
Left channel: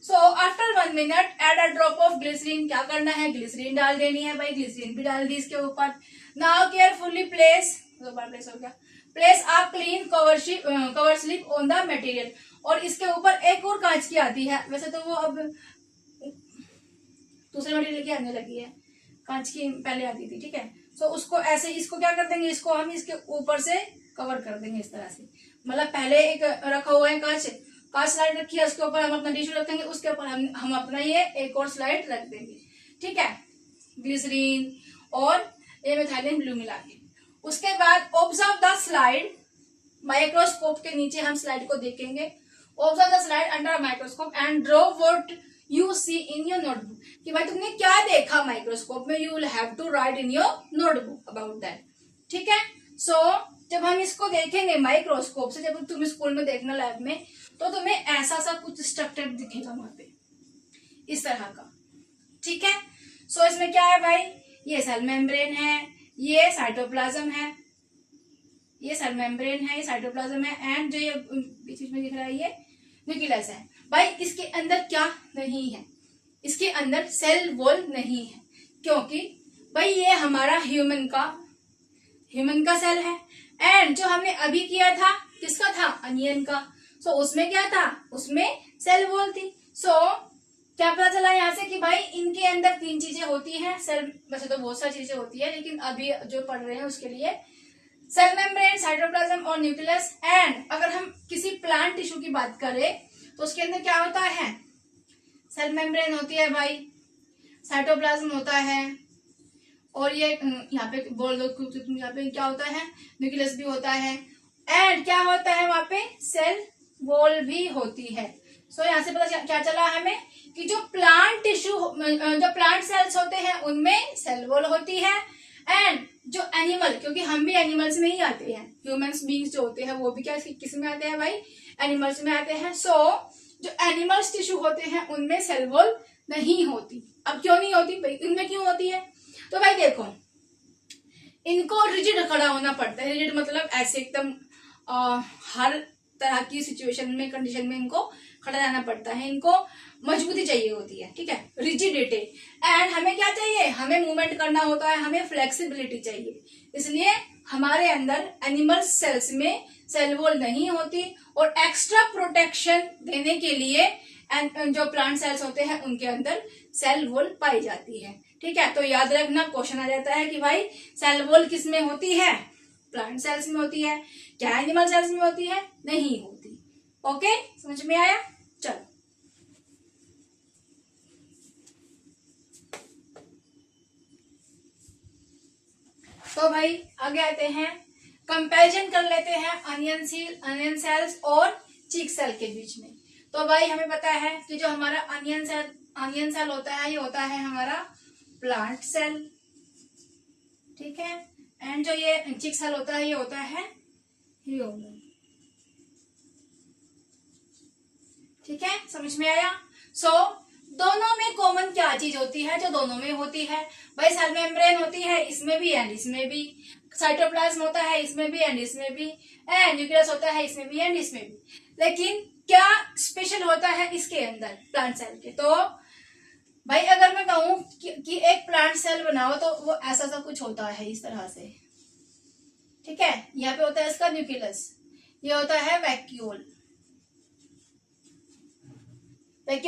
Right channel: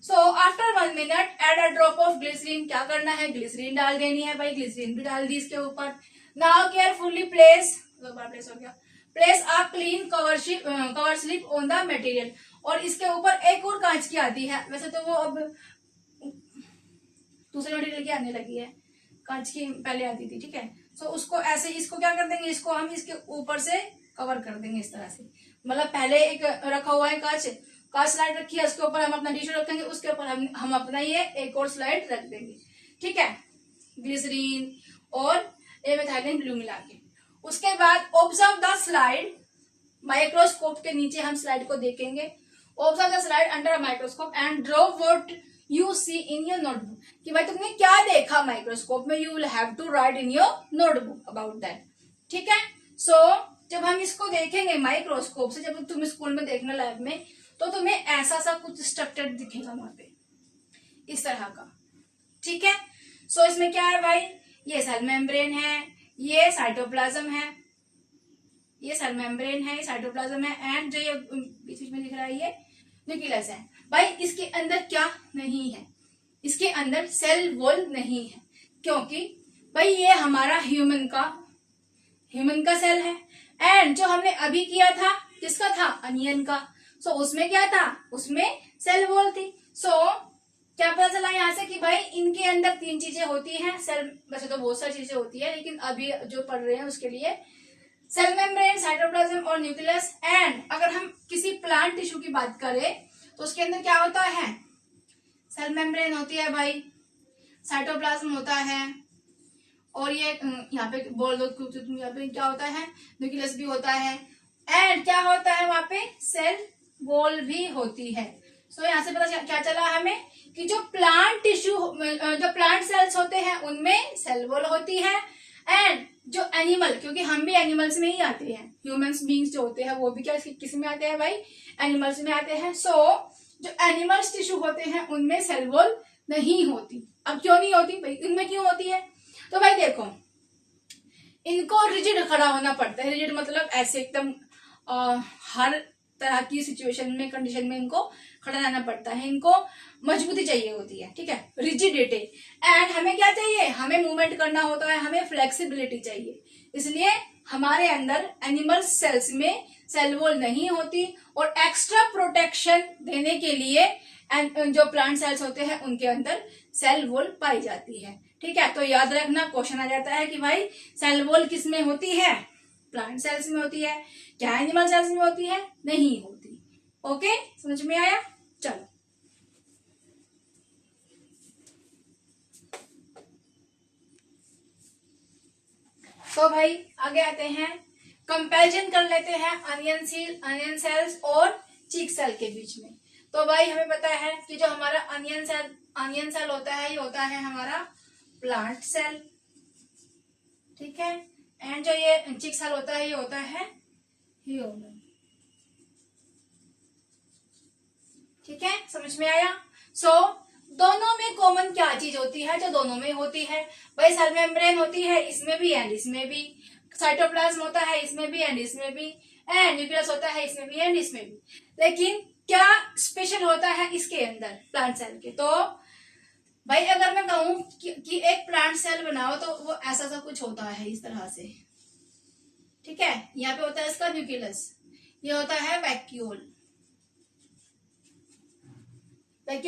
So after 1 minute add a drop of glycerin, क्या करना है, ग्लिसरीन डाल देनी है भाई, ग्लिसरीन भी डाल दी इसके ऊपर। नाउ केयरफुली प्लेस, दो बार प्लेस हो गया, place a clean cover slip on the material, और इसके ऊपर एक और कांच की आती है, वैसे तो वो अब दूसरे मटेरियल की आने लगी है, कांच की पहले आती थी। ठीक है। सो उसको ऐसे, इसको क्या कर देंगे, इसको हम इसके ऊपर से कवर कर देंगे इस तरह से, मतलब पहले एक रखा हुआ है कांच स्लाइड रखी है, उसके ऊपर हम अपना टिश्यू रखेंगे, उसके ऊपर हम अपना ये एक और स्लाइड रख देंगे। ठीक है। ग्लिसरीन और ये मेथिलीन ब्लू मिला के, उसके बाद ऑब्जर्व द स्लाइड, माइक्रोस्कोप के नीचे हम स्लाइड को देखेंगे। Observe the slide under microscope and draw what you see in your notebook, कि भाई तुमने क्या देखा माइक्रोस्कोप में, you will have to write in your notebook about that. ठीक है। सो जब हम इसको देखेंगे माइक्रोस्कोप से, जब तुम स्कूल में देखना लैब में, तो तुम्हें ऐसा सा कुछ स्ट्रक्चर दिखेगा वहां पे इस तरह का। ठीक है। सो इसमें क्या है भाई, ये सेल मेम्ब्रेन है, ये साइटोप्लाज्म है, ये सेल मेम्ब्रेन है, ये साइटोप्लाज्म है, एंड जो ये बीच में दिख रहा है ये न्यूक्लियस है। भाई इसके अंदर क्या नहीं है, इसके अंदर सेल वॉल नहीं है, क्योंकि भाई ये हमारा ह्यूमन का सेल है। एंड जो हमने अभी किया था किसका था, अनियन का, सो उसमें क्या था, उसमें सेल वॉल थी। सो क्या पता चला यहाँ से कि भाई इनके अंदर 3 चीजें होती हैं, सेल वैसे तो बहुत सारी चीजें होती है, लेकिन अभी जो पढ़ रहे हैं उसके लिए सेल मेम्ब्रेन, साइटोप्लाज्म और न्यूक्लियस। एंड अगर हम किसी प्लांट टिश्यू की बात करें तो उसके अंदर क्या होता है, सेल मेम्ब्रेन होती है भाई, साइटोप्लाज्म होता है, और ये यहाँ पे बोल दो, यहाँ पे क्या होता है, न्यूक्लियस भी होता है, एंड क्या होता है वहां पे, सेल वॉल भी होती है। सो यहाँ से पता क्या चला हमें कि जो प्लांट टिश्यू, जो प्लांट सेल्स होते हैं उनमें सेल वॉल होती है, एंड जो एनिमल, क्योंकि हम भी एनिमल्स में ही आते हैं, ह्यूमंस बीइंग्स जो होते हैं वो भी क्या किस में आते हैं भाई, एनिमल्स में आते हैं। सो जो एनिमल्स टिश्यू होते हैं उनमें सेल वॉल नहीं होती। अब क्यों नहीं होती भाई, इनमें क्यों होती है, तो भाई देखो इनको रिजिड खड़ा होना पड़ता है। रिजिड मतलब ऐसे एकदम हर तरह की सिचुएशन में, कंडीशन में इनको खड़ा रहना पड़ता है, इनको मजबूती चाहिए होती है, ठीक है, रिजिडिटी। एंड हमें क्या चाहिए, हमें मूवमेंट करना होता है, हमें फ्लेक्सिबिलिटी चाहिए, इसलिए हमारे अंदर एनिमल सेल्स में सेल वॉल नहीं होती, और एक्स्ट्रा प्रोटेक्शन देने के लिए जो प्लांट सेल्स होते हैं उनके अंदर सेल वॉल पाई जाती है, ठीक है। तो याद रखना, क्वेश्चन आ जाता है कि भाई सेल वॉल किस में होती है, प्लांट सेल्स में होती है, क्या एनिमल सेल्स में होती है, नहीं होती। ओके, समझ में आया, चलो तो भाई आगे आते हैं, कंपैरिजन कर लेते हैं अनियन सेल्स और चीक सेल के बीच में। तो भाई हमें पता है कि जो हमारा अनियन सेल होता है ये होता है हमारा प्लांट सेल, ठीक है, एंड जो ये चिक सेल होता है ये होता है ह्यूमन, ठीक है, समझ में आया। सो दोनों में कॉमन क्या चीज होती है, जो दोनों में होती है भाई, सेल मेम्ब्रेन होती है इसमें भी एंड इसमें भी, साइटोप्लाज्म होता है इसमें भी एंड इसमें भी, एंड न्यूक्लियस होता है इसमें भी एंड इसमें भी। लेकिन क्या स्पेशल होता है इसके अंदर प्लांट सेल के, तो भाई अगर मैं कहूं कि एक प्लांट सेल बनाओ तो वो ऐसा सब कुछ होता है इस तरह से, ठीक है। यहाँ पे होता है इसका न्यूक्लियस, ये होता है वैक्यूल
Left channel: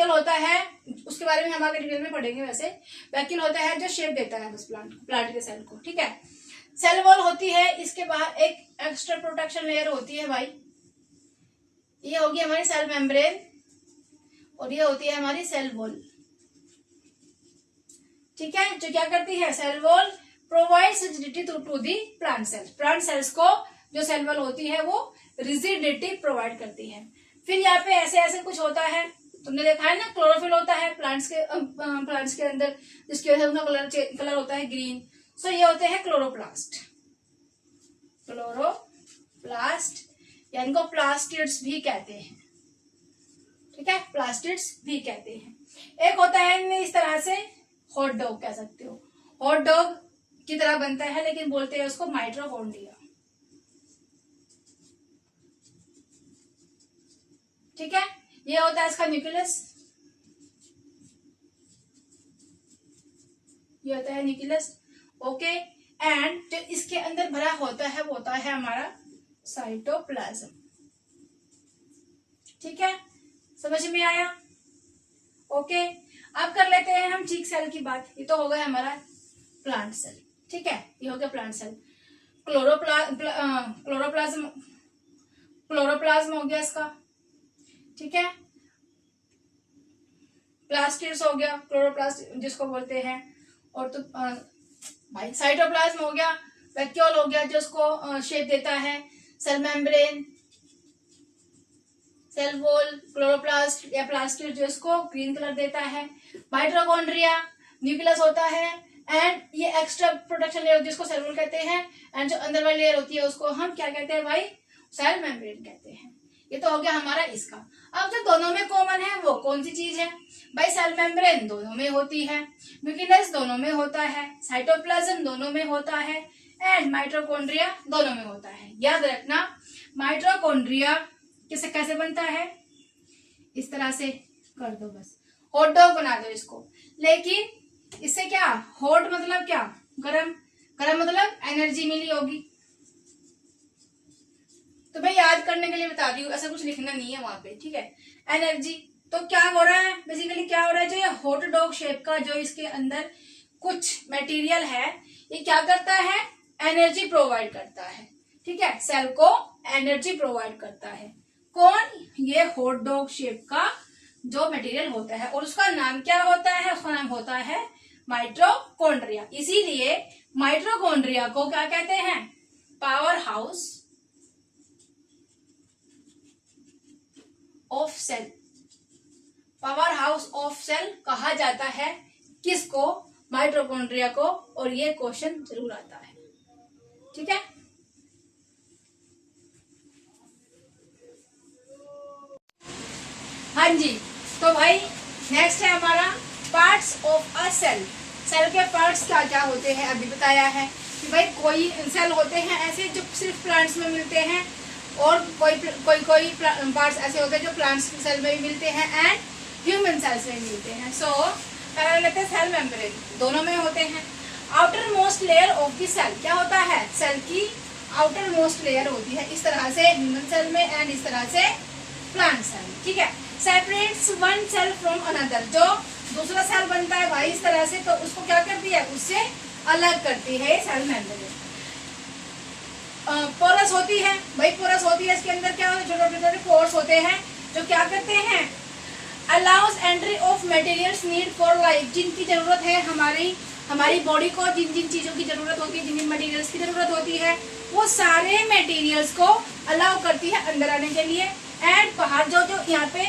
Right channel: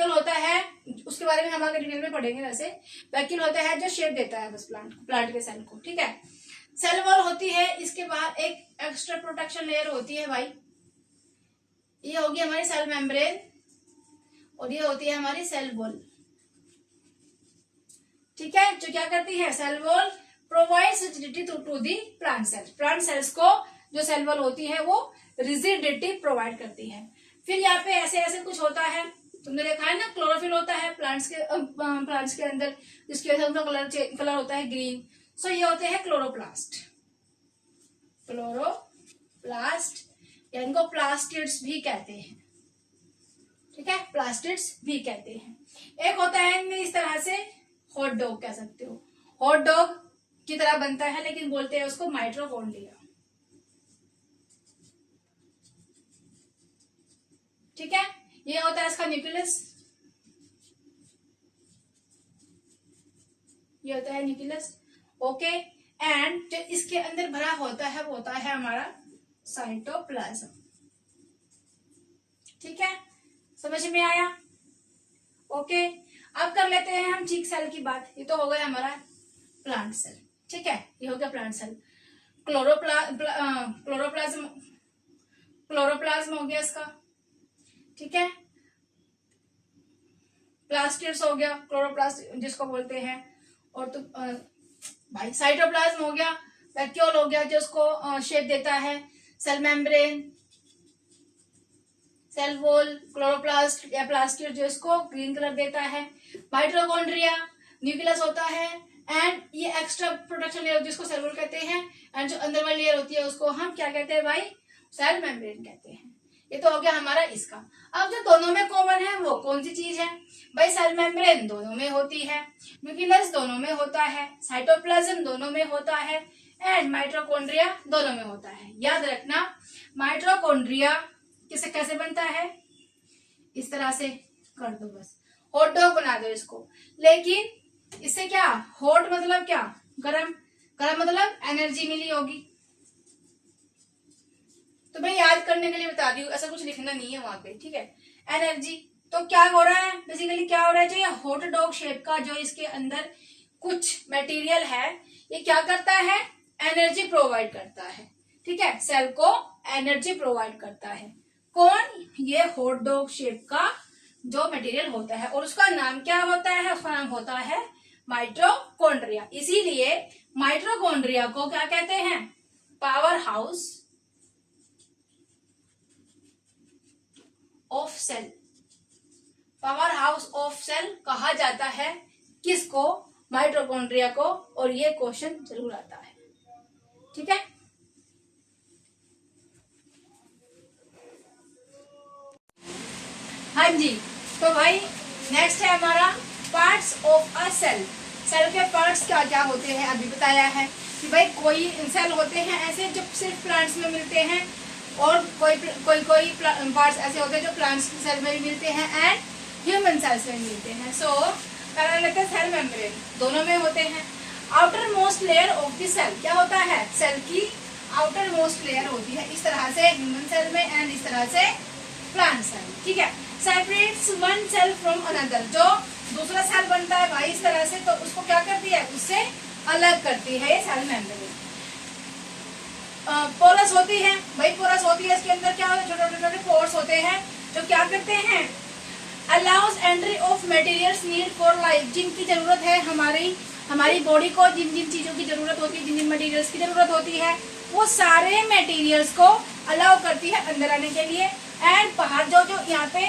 होता है, उसके बारे में हम आगे डिटेल में पढ़ेंगे। वैसे वैक्यूल होता है जो शेप देता है बस प्लांट के सेल को, ठीक है। सेल वॉल होती है, इसके बाहर एक एक्स्ट्रा प्रोटेक्शन लेयर होती है भाई, ये होगी हमारी सेल मेम्ब्रेन, और ये होती है हमारी सेल वॉल, ठीक है। जो क्या करती है, cell wall provides rigidity to the plant cells को जो सेल वॉल होती है वो रिजिडिटी प्रोवाइड करती है। फिर यहाँ पे ऐसे ऐसे कुछ होता है, तुमने देखा है ना, क्लोरोफिल होता है प्लांट्स के अंदर, जिसकी वजह से उनका कलर होता है ग्रीन। सो ये होते हैं क्लोरोप्लास्ट या इनको प्लास्टिड्स भी कहते हैं, ठीक है, प्लास्टिड्स भी कहते हैं। एक होता है इनमें इस तरह से, हॉट डॉग कह सकते हो, हॉट डॉग की तरह बनता है लेकिन बोलते हैं उसको माइटोकॉन्ड्रिया, ठीक है। ये होता है इसका न्यूक्लियस, ये होता है न्यूक्लियस, ओके। एंड जो इसके अंदर भरा होता है वो होता है हमारा साइटोप्लाज्म, ठीक है, समझ में आया, ओके। अब कर लेते हैं हम चीक सेल की बात। ये तो हो गया हमारा प्लांट सेल, ठीक है, ये हो गया प्लांट सेल। क्लोरोप्लाज्म हो गया इसका, ठीक है, प्लास्टिड्स हो गया, क्लोरोप्लास्ट जिसको बोलते हैं, और तो भाई साइटोप्लाज्म हो गया, वैक्यूल हो गया जो उसको शेप देता है, cell membrane, cell wall, chloroplast या प्लास्टिड जो इसको ग्रीन कलर देता है, माइटोकॉन्ड्रिया, न्यूक्लियस होता है, एंड ये एक्स्ट्रा प्रोटेक्शन लेयर जिसको सेल वॉल कहते हैं, एंड जो अंदर वाली लेयर होती है उसको हम क्या कहते हैं भाई, सेल मेम्ब्रेन कहते हैं। ये तो हो गया हमारा इसका। अब जो दोनों में कॉमन है वो कौन सी चीज है भाई, सेल मेम्ब्रेन दोनों में होती है, न्यूक्लियस दोनों में होता है, साइटोप्लाज्म दोनों में होता है, एंड माइटोकॉन्ड्रिया दोनों में होता है। याद रखना, माइटोकॉन्ड्रिया किसे कैसे बनता है, इस तरह से कर दो, बस हॉट डॉग बना दो इसको। लेकिन इससे क्या, हॉट मतलब क्या, गरम, गरम मतलब एनर्जी मिली होगी। तो मैं याद करने के लिए बता दी हूँ, ऐसा कुछ लिखना नहीं है वहां पे, ठीक है। एनर्जी, तो क्या हो रहा है बेसिकली, क्या हो रहा है, जो ये हॉट डॉग शेप का जो इसके अंदर कुछ मटेरियल है, ये क्या करता है, एनर्जी प्रोवाइड करता है, ठीक है, सेल को एनर्जी प्रोवाइड करता है। कौन, ये हॉट डॉग शेप का जो मटेरियल होता है, और उसका नाम क्या होता है, उसका नाम होता है माइटोकॉन्ड्रिया। इसीलिए माइटोकॉन्ड्रिया को क्या कहते हैं, power house of cell, power house of cell कहा जाता है किसको, माइटोकॉन्ड्रिया को। और ये क्वेश्चन जरूर आता है, ठीक है। हाँ जी, तो भाई नेक्स्ट है हमारा parts of a cell. Cell के पार्ट्स क्या क्या होते हैं, अभी बताया है कि भाई कोई सेल होते हैं ऐसे जो सिर्फ प्लांट्स में मिलते हैं, और कोई पार्ट्स ऐसे होते हैं जो प्लांट्स सेल में भी मिलते हैं एंड ह्यूमन सेल्स में मिलते हैं। सो पहला लेते हैं सेल मेम्ब्रेन, दोनों में होते हैं। Outermost layer of the cell, क्या होता है, सेल की आउटर मोस्ट लेयर होती है, इस तरह से ह्यूमन सेल में एंड इस तरह से प्लांट सेल, ठीक है। Separates one cell from another, जो दूसरा सेल बनता है भाई इस तरह से, तो उसको क्या करती है, उससे अलग करती है ये सेल मेम्ब्रेन। पोरस होती है भाई, पोरस होती है, इसके अंदर क्या होता है, छोटे छोटे पोर्स होते हैं जो क्या करते हैं, allows entry of materials need for life, जिनकी जरूरत है हमारी बॉडी को, जिन जिन चीजों की जरूरत होती है, जिन जिन मटेरियल्स की जरूरत होती है, वो सारे मटेरियल्स को अलाउ करती है अंदर आने के लिए। एंड बाहर जो यहाँ पे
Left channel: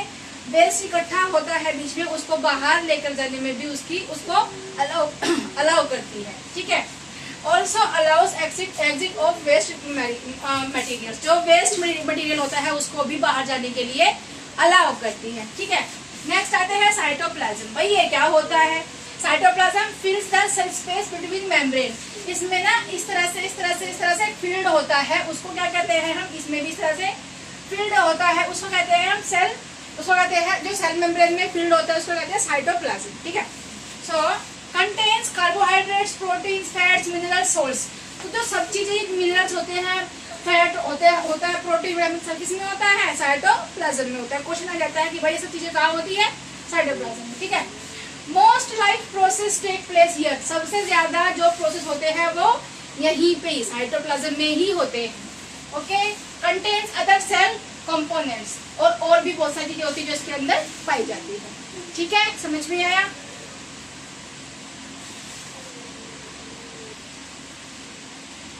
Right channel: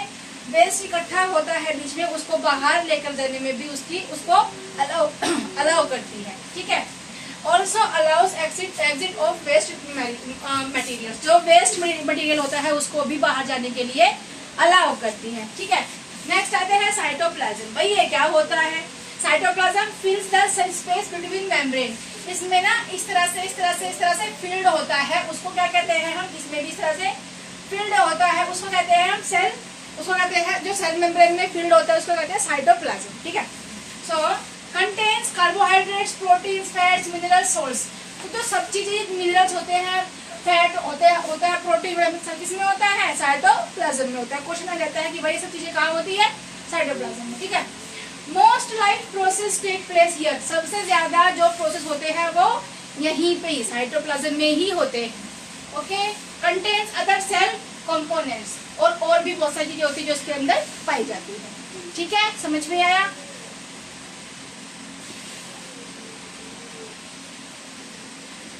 वेस्ट इकट्ठा होता है बीच में, उसको बाहर लेकर जाने में भी उसको अलाउ करती है, ठीक है। Also allows exit of waste materials, जो वेस्ट मटेरियल होता है उसको भी बाहर जाने के लिए अलाउ करती है, ठीक है। नेक्स्ट आते हैं साइटोप्लाज्म। भाई ये क्या होता है, cytoplasm फिल्स the space between membrane, इसमें ना इस तरह से फील्ड होता है, उसको क्या कहते हैं हम, इसमें भी इस तरह से फील्ड होता है, उसको कहते हैं हम सेल, उसको कहते हैं जो सेल मेम्ब्रेन में फील्ड होता है उसको कहते हैं साइटोप्लाज्म, ठीक है। So contains carbohydrates, proteins, fats, minerals, salts, तो जो सब चीजें मिनरल्स होते हैं, फैट होता है, प्रोटीन सब किसमें होता है, साइटोप्लाज्म में होता है। क्वेश्चन आ जाता है कि भाई ये सब चीजें कहाँ होती है, साइटोप्लाज्म में, ठीक है। Most life process take place here, सबसे ज्यादा जो प्रोसेस होते हैं वो यहीं पे ही साइटोप्लाज्म में ही होते हैं, okay. Contains other cell components, और भी बहुत सारी चीजें होती है जो इसके अंदर पाई जाती है, ठीक है, समझ में आया।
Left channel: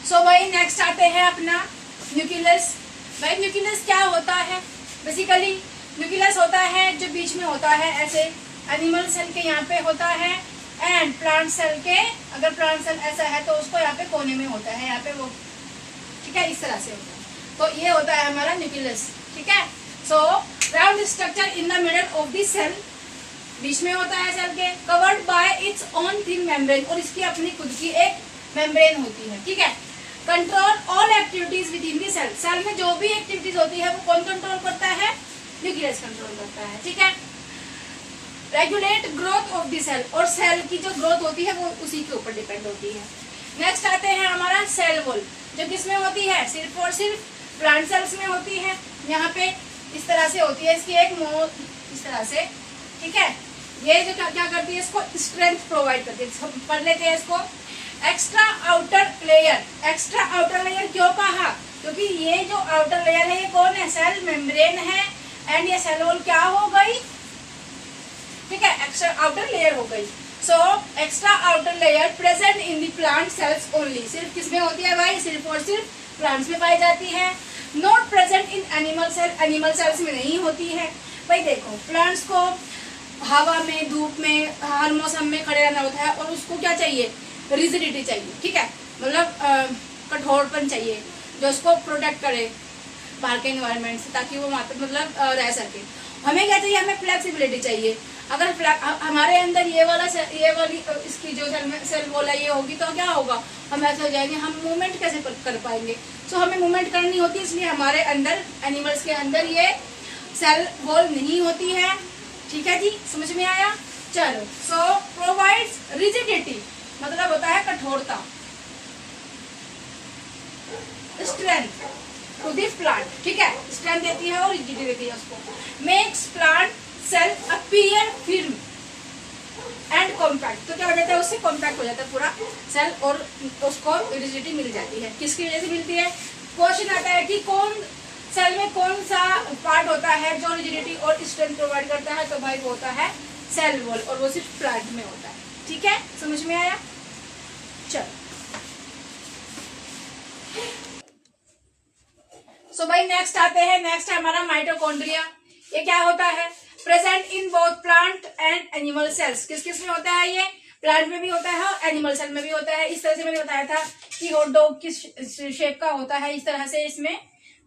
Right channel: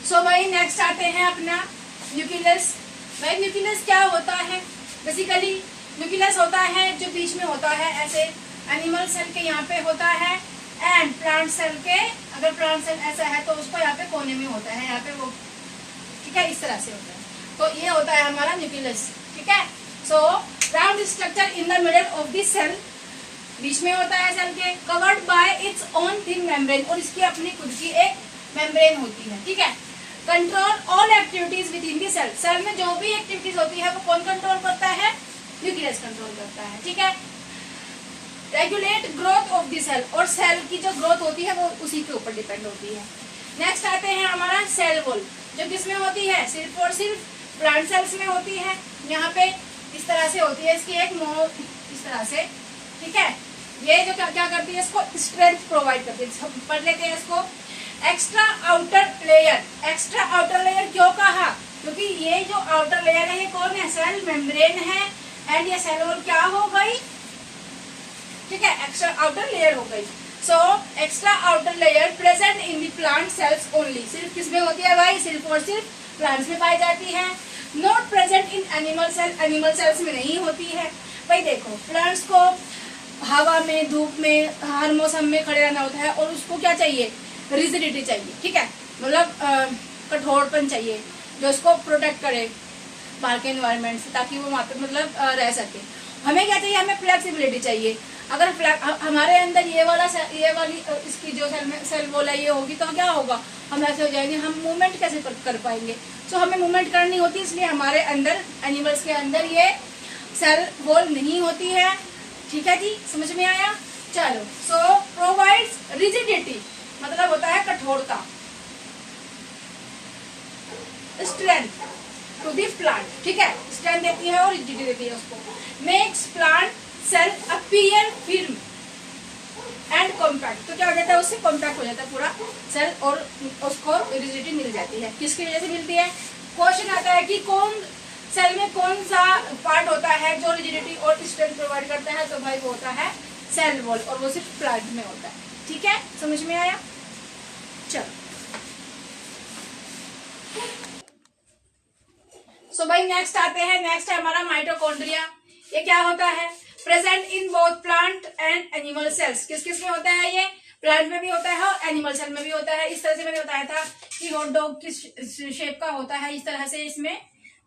सो भाई नेक्स्ट आते हैं अपना न्यूक्लियस। भाई न्यूक्लियस क्या होता है, बेसिकली न्यूक्लियस होता है जो बीच में होता है, ऐसे एनिमल सेल के यहाँ पे होता है, एंड प्लांट सेल के, अगर प्लांट सेल ऐसा है तो उसको यहाँ पे कोने में होता है, यहाँ पे वो, ठीक है, इस तरह से होता है। तो ये होता है हमारा न्यूक्लियस, ठीक है। So round structure in the middle of the cell, बीच में होता है सेल के, covered by its own thin membrane, और इसकी अपनी खुद की एक मेम्ब्रेन होती है, ठीक है। Control all activities within the cell, cell में जो भी एक्टिविटीज होती है वो कौन कंट्रोल करता है, न्यूक्लियस कंट्रोल करता है, ठीक है। Regulate growth of the cell, और सेल की जो ग्रोथ होती है वो उसी के ऊपर डिपेंड होती है। नेक्स्ट आते हैं हमारा सेल वॉल, जो किसमें होती है, सिर्फ और सिर्फ प्लांट सेल्स में होती है। यहाँ पे इस तरह से होती है, इसकी एक इस तरह से, ठीक है। ये जो क्या करती है, इसको स्ट्रेंथ प्रोवाइड करती है। पढ़ लेते हैं इसको। Extra outer layer, extra outer layer क्यों कहा, क्योंकि ये जो आउटर लेयर है ये कौन है, सेल मेम्ब्रेन है, एंड ये सेल वॉल क्या हो गई, ठीक है, एक्स्ट्रा आउटर लेयर हो गई। So extra outer layer present in the plant cells only, सिर्फ किसमें होती है भाई, सिर्फ और सिर्फ प्लांट्स में पाई जाती है। Not present in animal cell, animal cells में नहीं होती है। भाई देखो, प्लांट्स को हवा में, धूप में, हर मौसम में खड़े रहना होता है, और उसको क्या चाहिए, रिजिडिटी चाहिए, ठीक है, मतलब कठोरपन चाहिए जो इसको प्रोटेक्ट करे बाहर के एनवायरनमेंट से, ताकि वो मतलब रह सके। हमें क्या चाहिए, हमें फ्लेक्सिबिलिटी चाहिए। अगर हमारे अंदर ये वाली इसकी जो सेल वॉल है ये होगी तो क्या होगा, हम ऐसे हो जाएंगे, हम मूवमेंट कैसे कर पाएंगे। सो हमें मूवमेंट करनी होती है, इसलिए हमारे अंदर एनिमल्स के अंदर ये सेल वॉल नहीं होती है। ठीक है जी, समझ में आया। चलो, सो प्रोवाइड्स रिजिडिटी मतलब होता है कठोरता, स्ट्रेंथ टू द प्लांट। ठीक है, स्ट्रेंथ देती है और रिजिडिटी देती है उसको। Makes plant cell appear firm and compact, तो क्या हो जाता है, उससे कॉम्पैक्ट हो जाता है पूरा सेल और उसको रिजिडिटी मिल जाती है। किसकी वजह से मिलती है, क्वेश्चन आता है कि कौन सेल में कौन सा पार्ट होता है जो रिजिडिटी और स्ट्रेंथ प्रोवाइड करता है, तो भाई वो होता है सेल वॉल, और वो सिर्फ प्लांट में होता है। ठीक है, समझ में आया। चलो, सो भाई नेक्स्ट आते हैं, नेक्स्ट है हमारा माइटोकॉन्ड्रिया। ये क्या होता है, present in both plant and animal sales. किस किस में होता है, ये प्लांट में भी होता है और एनिमल सेल में भी होता है। इस तरह से मैंने बताया था कि हॉट डॉग किस शेप का होता है, इस तरह से इसमें।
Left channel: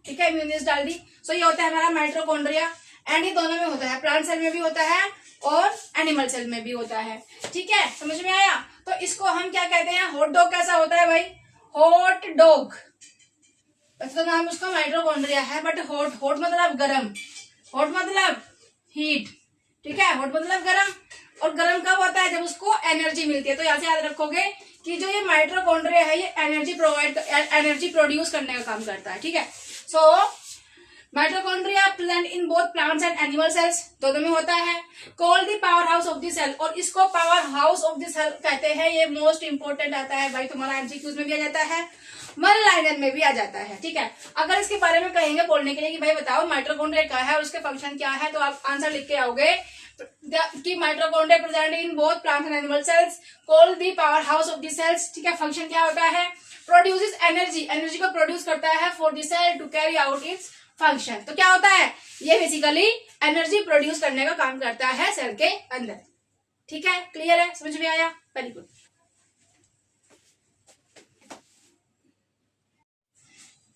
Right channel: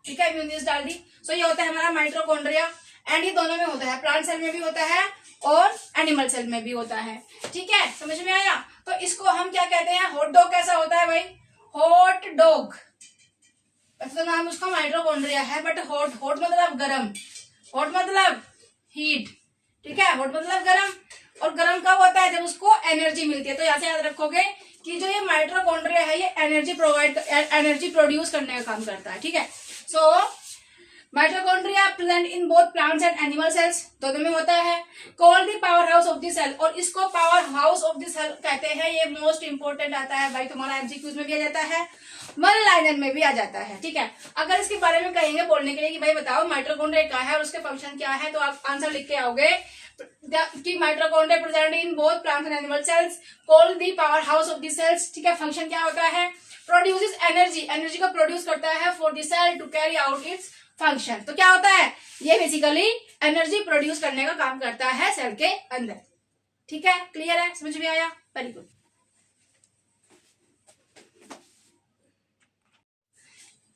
ठीक है, म्यूनिस डाल दी। सो ये होता है हमारा माइटोकॉन्ड्रिया, एंड ये दोनों में होता है, प्लांट सेल में भी होता है और एनिमल सेल में भी होता है। ठीक है, समझ में आया। तो इसको हम क्या कहते हैं, हॉट डॉग कैसा होता है भाई, हॉट डॉग, तो नाम उसका माइटोकॉन्ड्रिया है, बट हॉट, हॉट मतलब गरम, हॉट मतलब हीट। ठीक है, हॉट मतलब गरम, और गरम कब होता है, जब उसको एनर्जी मिलती है। तो यहाँ से याद रखोगे कि जो ये माइटोकॉन्ड्रिया है ये एनर्जी प्रोड्यूस करने का काम करता है। ठीक है, so mitochondria present in both plants and animal cells, दोनों में होता है। Called the power house of the cell, और इसको power house of the cell कहते हैं। ये मोस्ट इंपोर्टेंट आता है भाई, तुम्हारा एमसीक्यूज में भी आ जाता है, वन लाइनर में भी आ जाता है। ठीक है, अगर इसके बारे में कहेंगे बोलने के लिए कि भाई बताओ माइटोकॉन्ड्रिया क्या है और उसके फंक्शन क्या है, तो आप आंसर लिख के आओगे कि mitochondria present in both plant and animal cells, called the power house of the cells. ठीक है, फंक्शन क्या होता है, प्रोड्यूसेस एनर्जी, एनर्जी को प्रोड्यूस करता है for the cell to carry out its function. तो क्या होता है, ये बेसिकली एनर्जी प्रोड्यूस करने का काम करता है सेल के अंदर। ठीक है, क्लियर है, समझ में आया, वेरी गुड।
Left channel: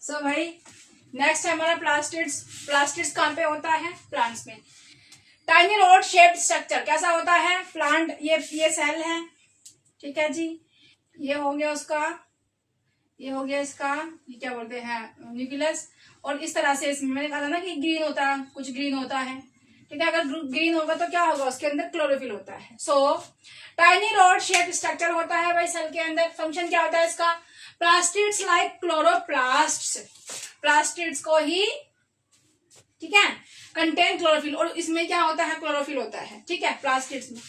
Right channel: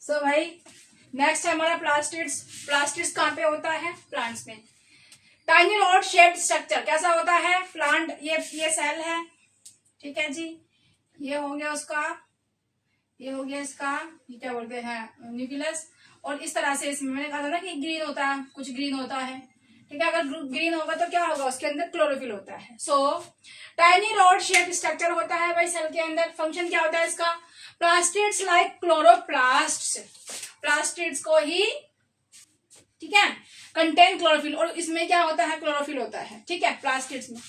सो भाई नेक्स्ट है हमारा प्लास्टिड्स। प्लास्टिड्स कहाँ पे होता है, प्लांट्स में। टाइनी रॉड शेप्ड स्ट्रक्चर कैसा होता है, प्लांट, ये सेल है। ठीक है जी, ये हो गया उसका, ये हो गया इसका, ये क्या बोलते हैं, न्यूक्लियस। और इस तरह से इसमें मैंने कहा था ना कि ग्रीन होता है, कुछ ग्रीन होता है। ठीक है, अगर ग्रीन होगा तो क्या होगा, उसके अंदर क्लोरोफिल होता है। So tiny rod shaped structure होता है भाई सेल के अंदर। फंक्शन क्या होता है इसका, प्लास्टिड्स लाइक क्लोरोप्लास्ट्स, प्लास्टिड्स को ही, ठीक है, कंटेन क्लोरोफिल, और इसमें क्या होता है, क्लोरोफिल होता है। ठीक है, प्लास्टिड्स में।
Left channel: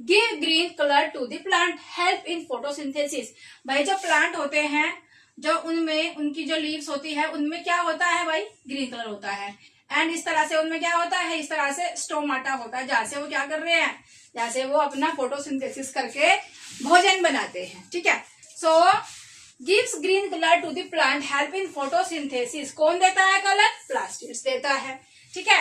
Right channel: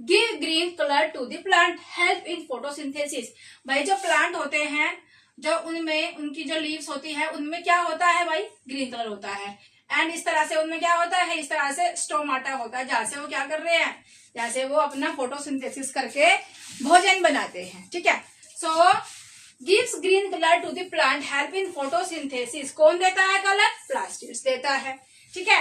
Give green colour to the plant, help in photosynthesis. भाई जो प्लांट होते हैं, जो उनमें उनकी जो लीव्स होती है उनमें क्या होता है भाई, ग्रीन कलर होता है। एंड इस तरह से उनमें क्या होता है, इस तरह से स्टोमाटा होता है, जहाँ से वो क्या कर रहे हैं, जहाँ से वो अपना फोटोसिंथेसिस करके भोजन बनाते हैं। ठीक है, so gives green colour to the plant, help in photosynthesis. कौन देता है कलर, प्लास्टिड्स देता है। ठीक है,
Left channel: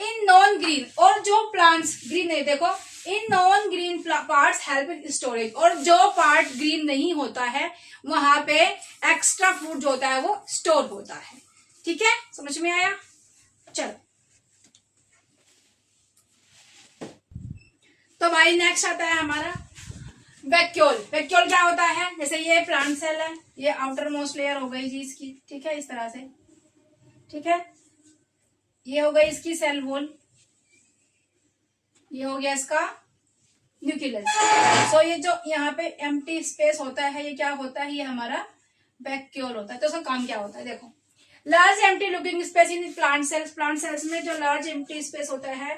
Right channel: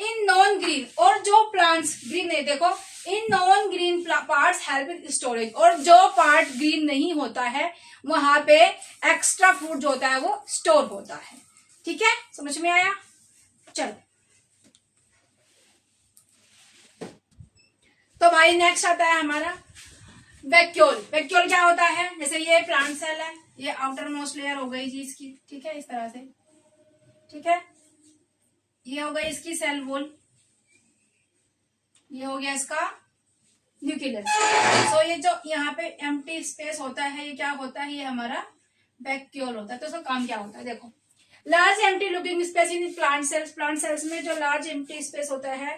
इन नॉन ग्रीन, और जो प्लांट्स ग्रीन नहीं, देखो in non green parts help in storage, और जो पार्ट ग्रीन नहीं होता है वहां पे एक्स्ट्रा फूड जो होता है वो स्टोर होता है। ठीक है, समझ में आया। चलो, तो भाई नेक्स्ट आता है हमारा वैक्यूल। वैक्यूल क्या होता है, जैसे ये प्लांट सेल है, ये आउटर मोस्ट लेयर हो गई जी इसकी। ठीक है, इस तरह से। ठीक है, ये हो गई इसकी सेल वॉल, ये हो गया इसका न्यूक्लियस। सो ये जो यहाँ पे एम्प्टी स्पेस होता है, ये क्या होता है, ये हमारा वैक्यूल होता है। तो उसका काम क्या होता है, देखो, large empty looking space in plant cells, plant cells में जो लार्ज एम्प्टी स्पेस होता है,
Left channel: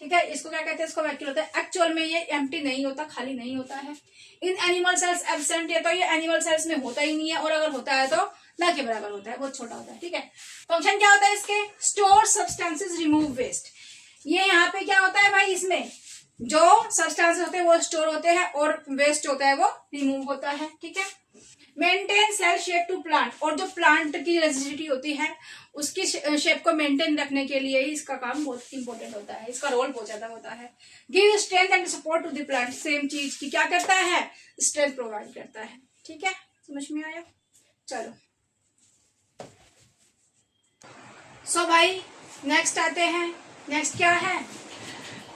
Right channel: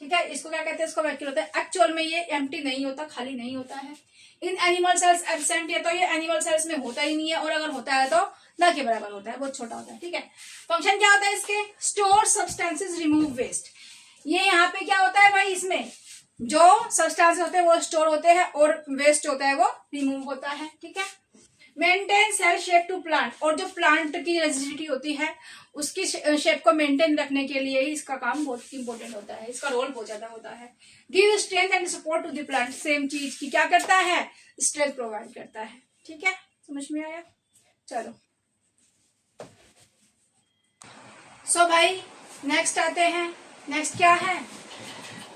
ठीक है, इसको क्या कहते हैं, इसको वैक्यूल होता है। एक्चुअल में ये एम्प्टी नहीं होता, खाली नहीं होता है। इन एनिमल सेल्स एब्सेंट, ये तो ये एनिमल सेल्स में होता ही नहीं है, और अगर होता है तो न के बराबर होता है, बहुत छोटा होता है। ठीक है, फंक्शन क्या होता है इसके, स्टोर सब्सटेंसेस, रिमूव वेस्ट। ये यहाँ पे क्या होता है भाई, इसमें जो सब्सटेंस होते हैं वो स्टोर होते हैं और वेस्ट होता है वो रिमूव होता है। ठीक है, maintain cell shape to plant, और जो प्लांट की रेजिडिटी होती है उसकी शेप को मेंटेन रखने के लिए ही इसका काम बहुत इंपॉर्टेंट होता है, इसका रोल बहुत ज्यादा होता है। Give strength and support to the plant, same चीज की क्या करता है, स्ट्रेंथ प्रोवाइड करता है। ठीक है, समझ में आया। चलो, सो भाई नेक्स्ट आते हैं, नेक्स्ट क्या है,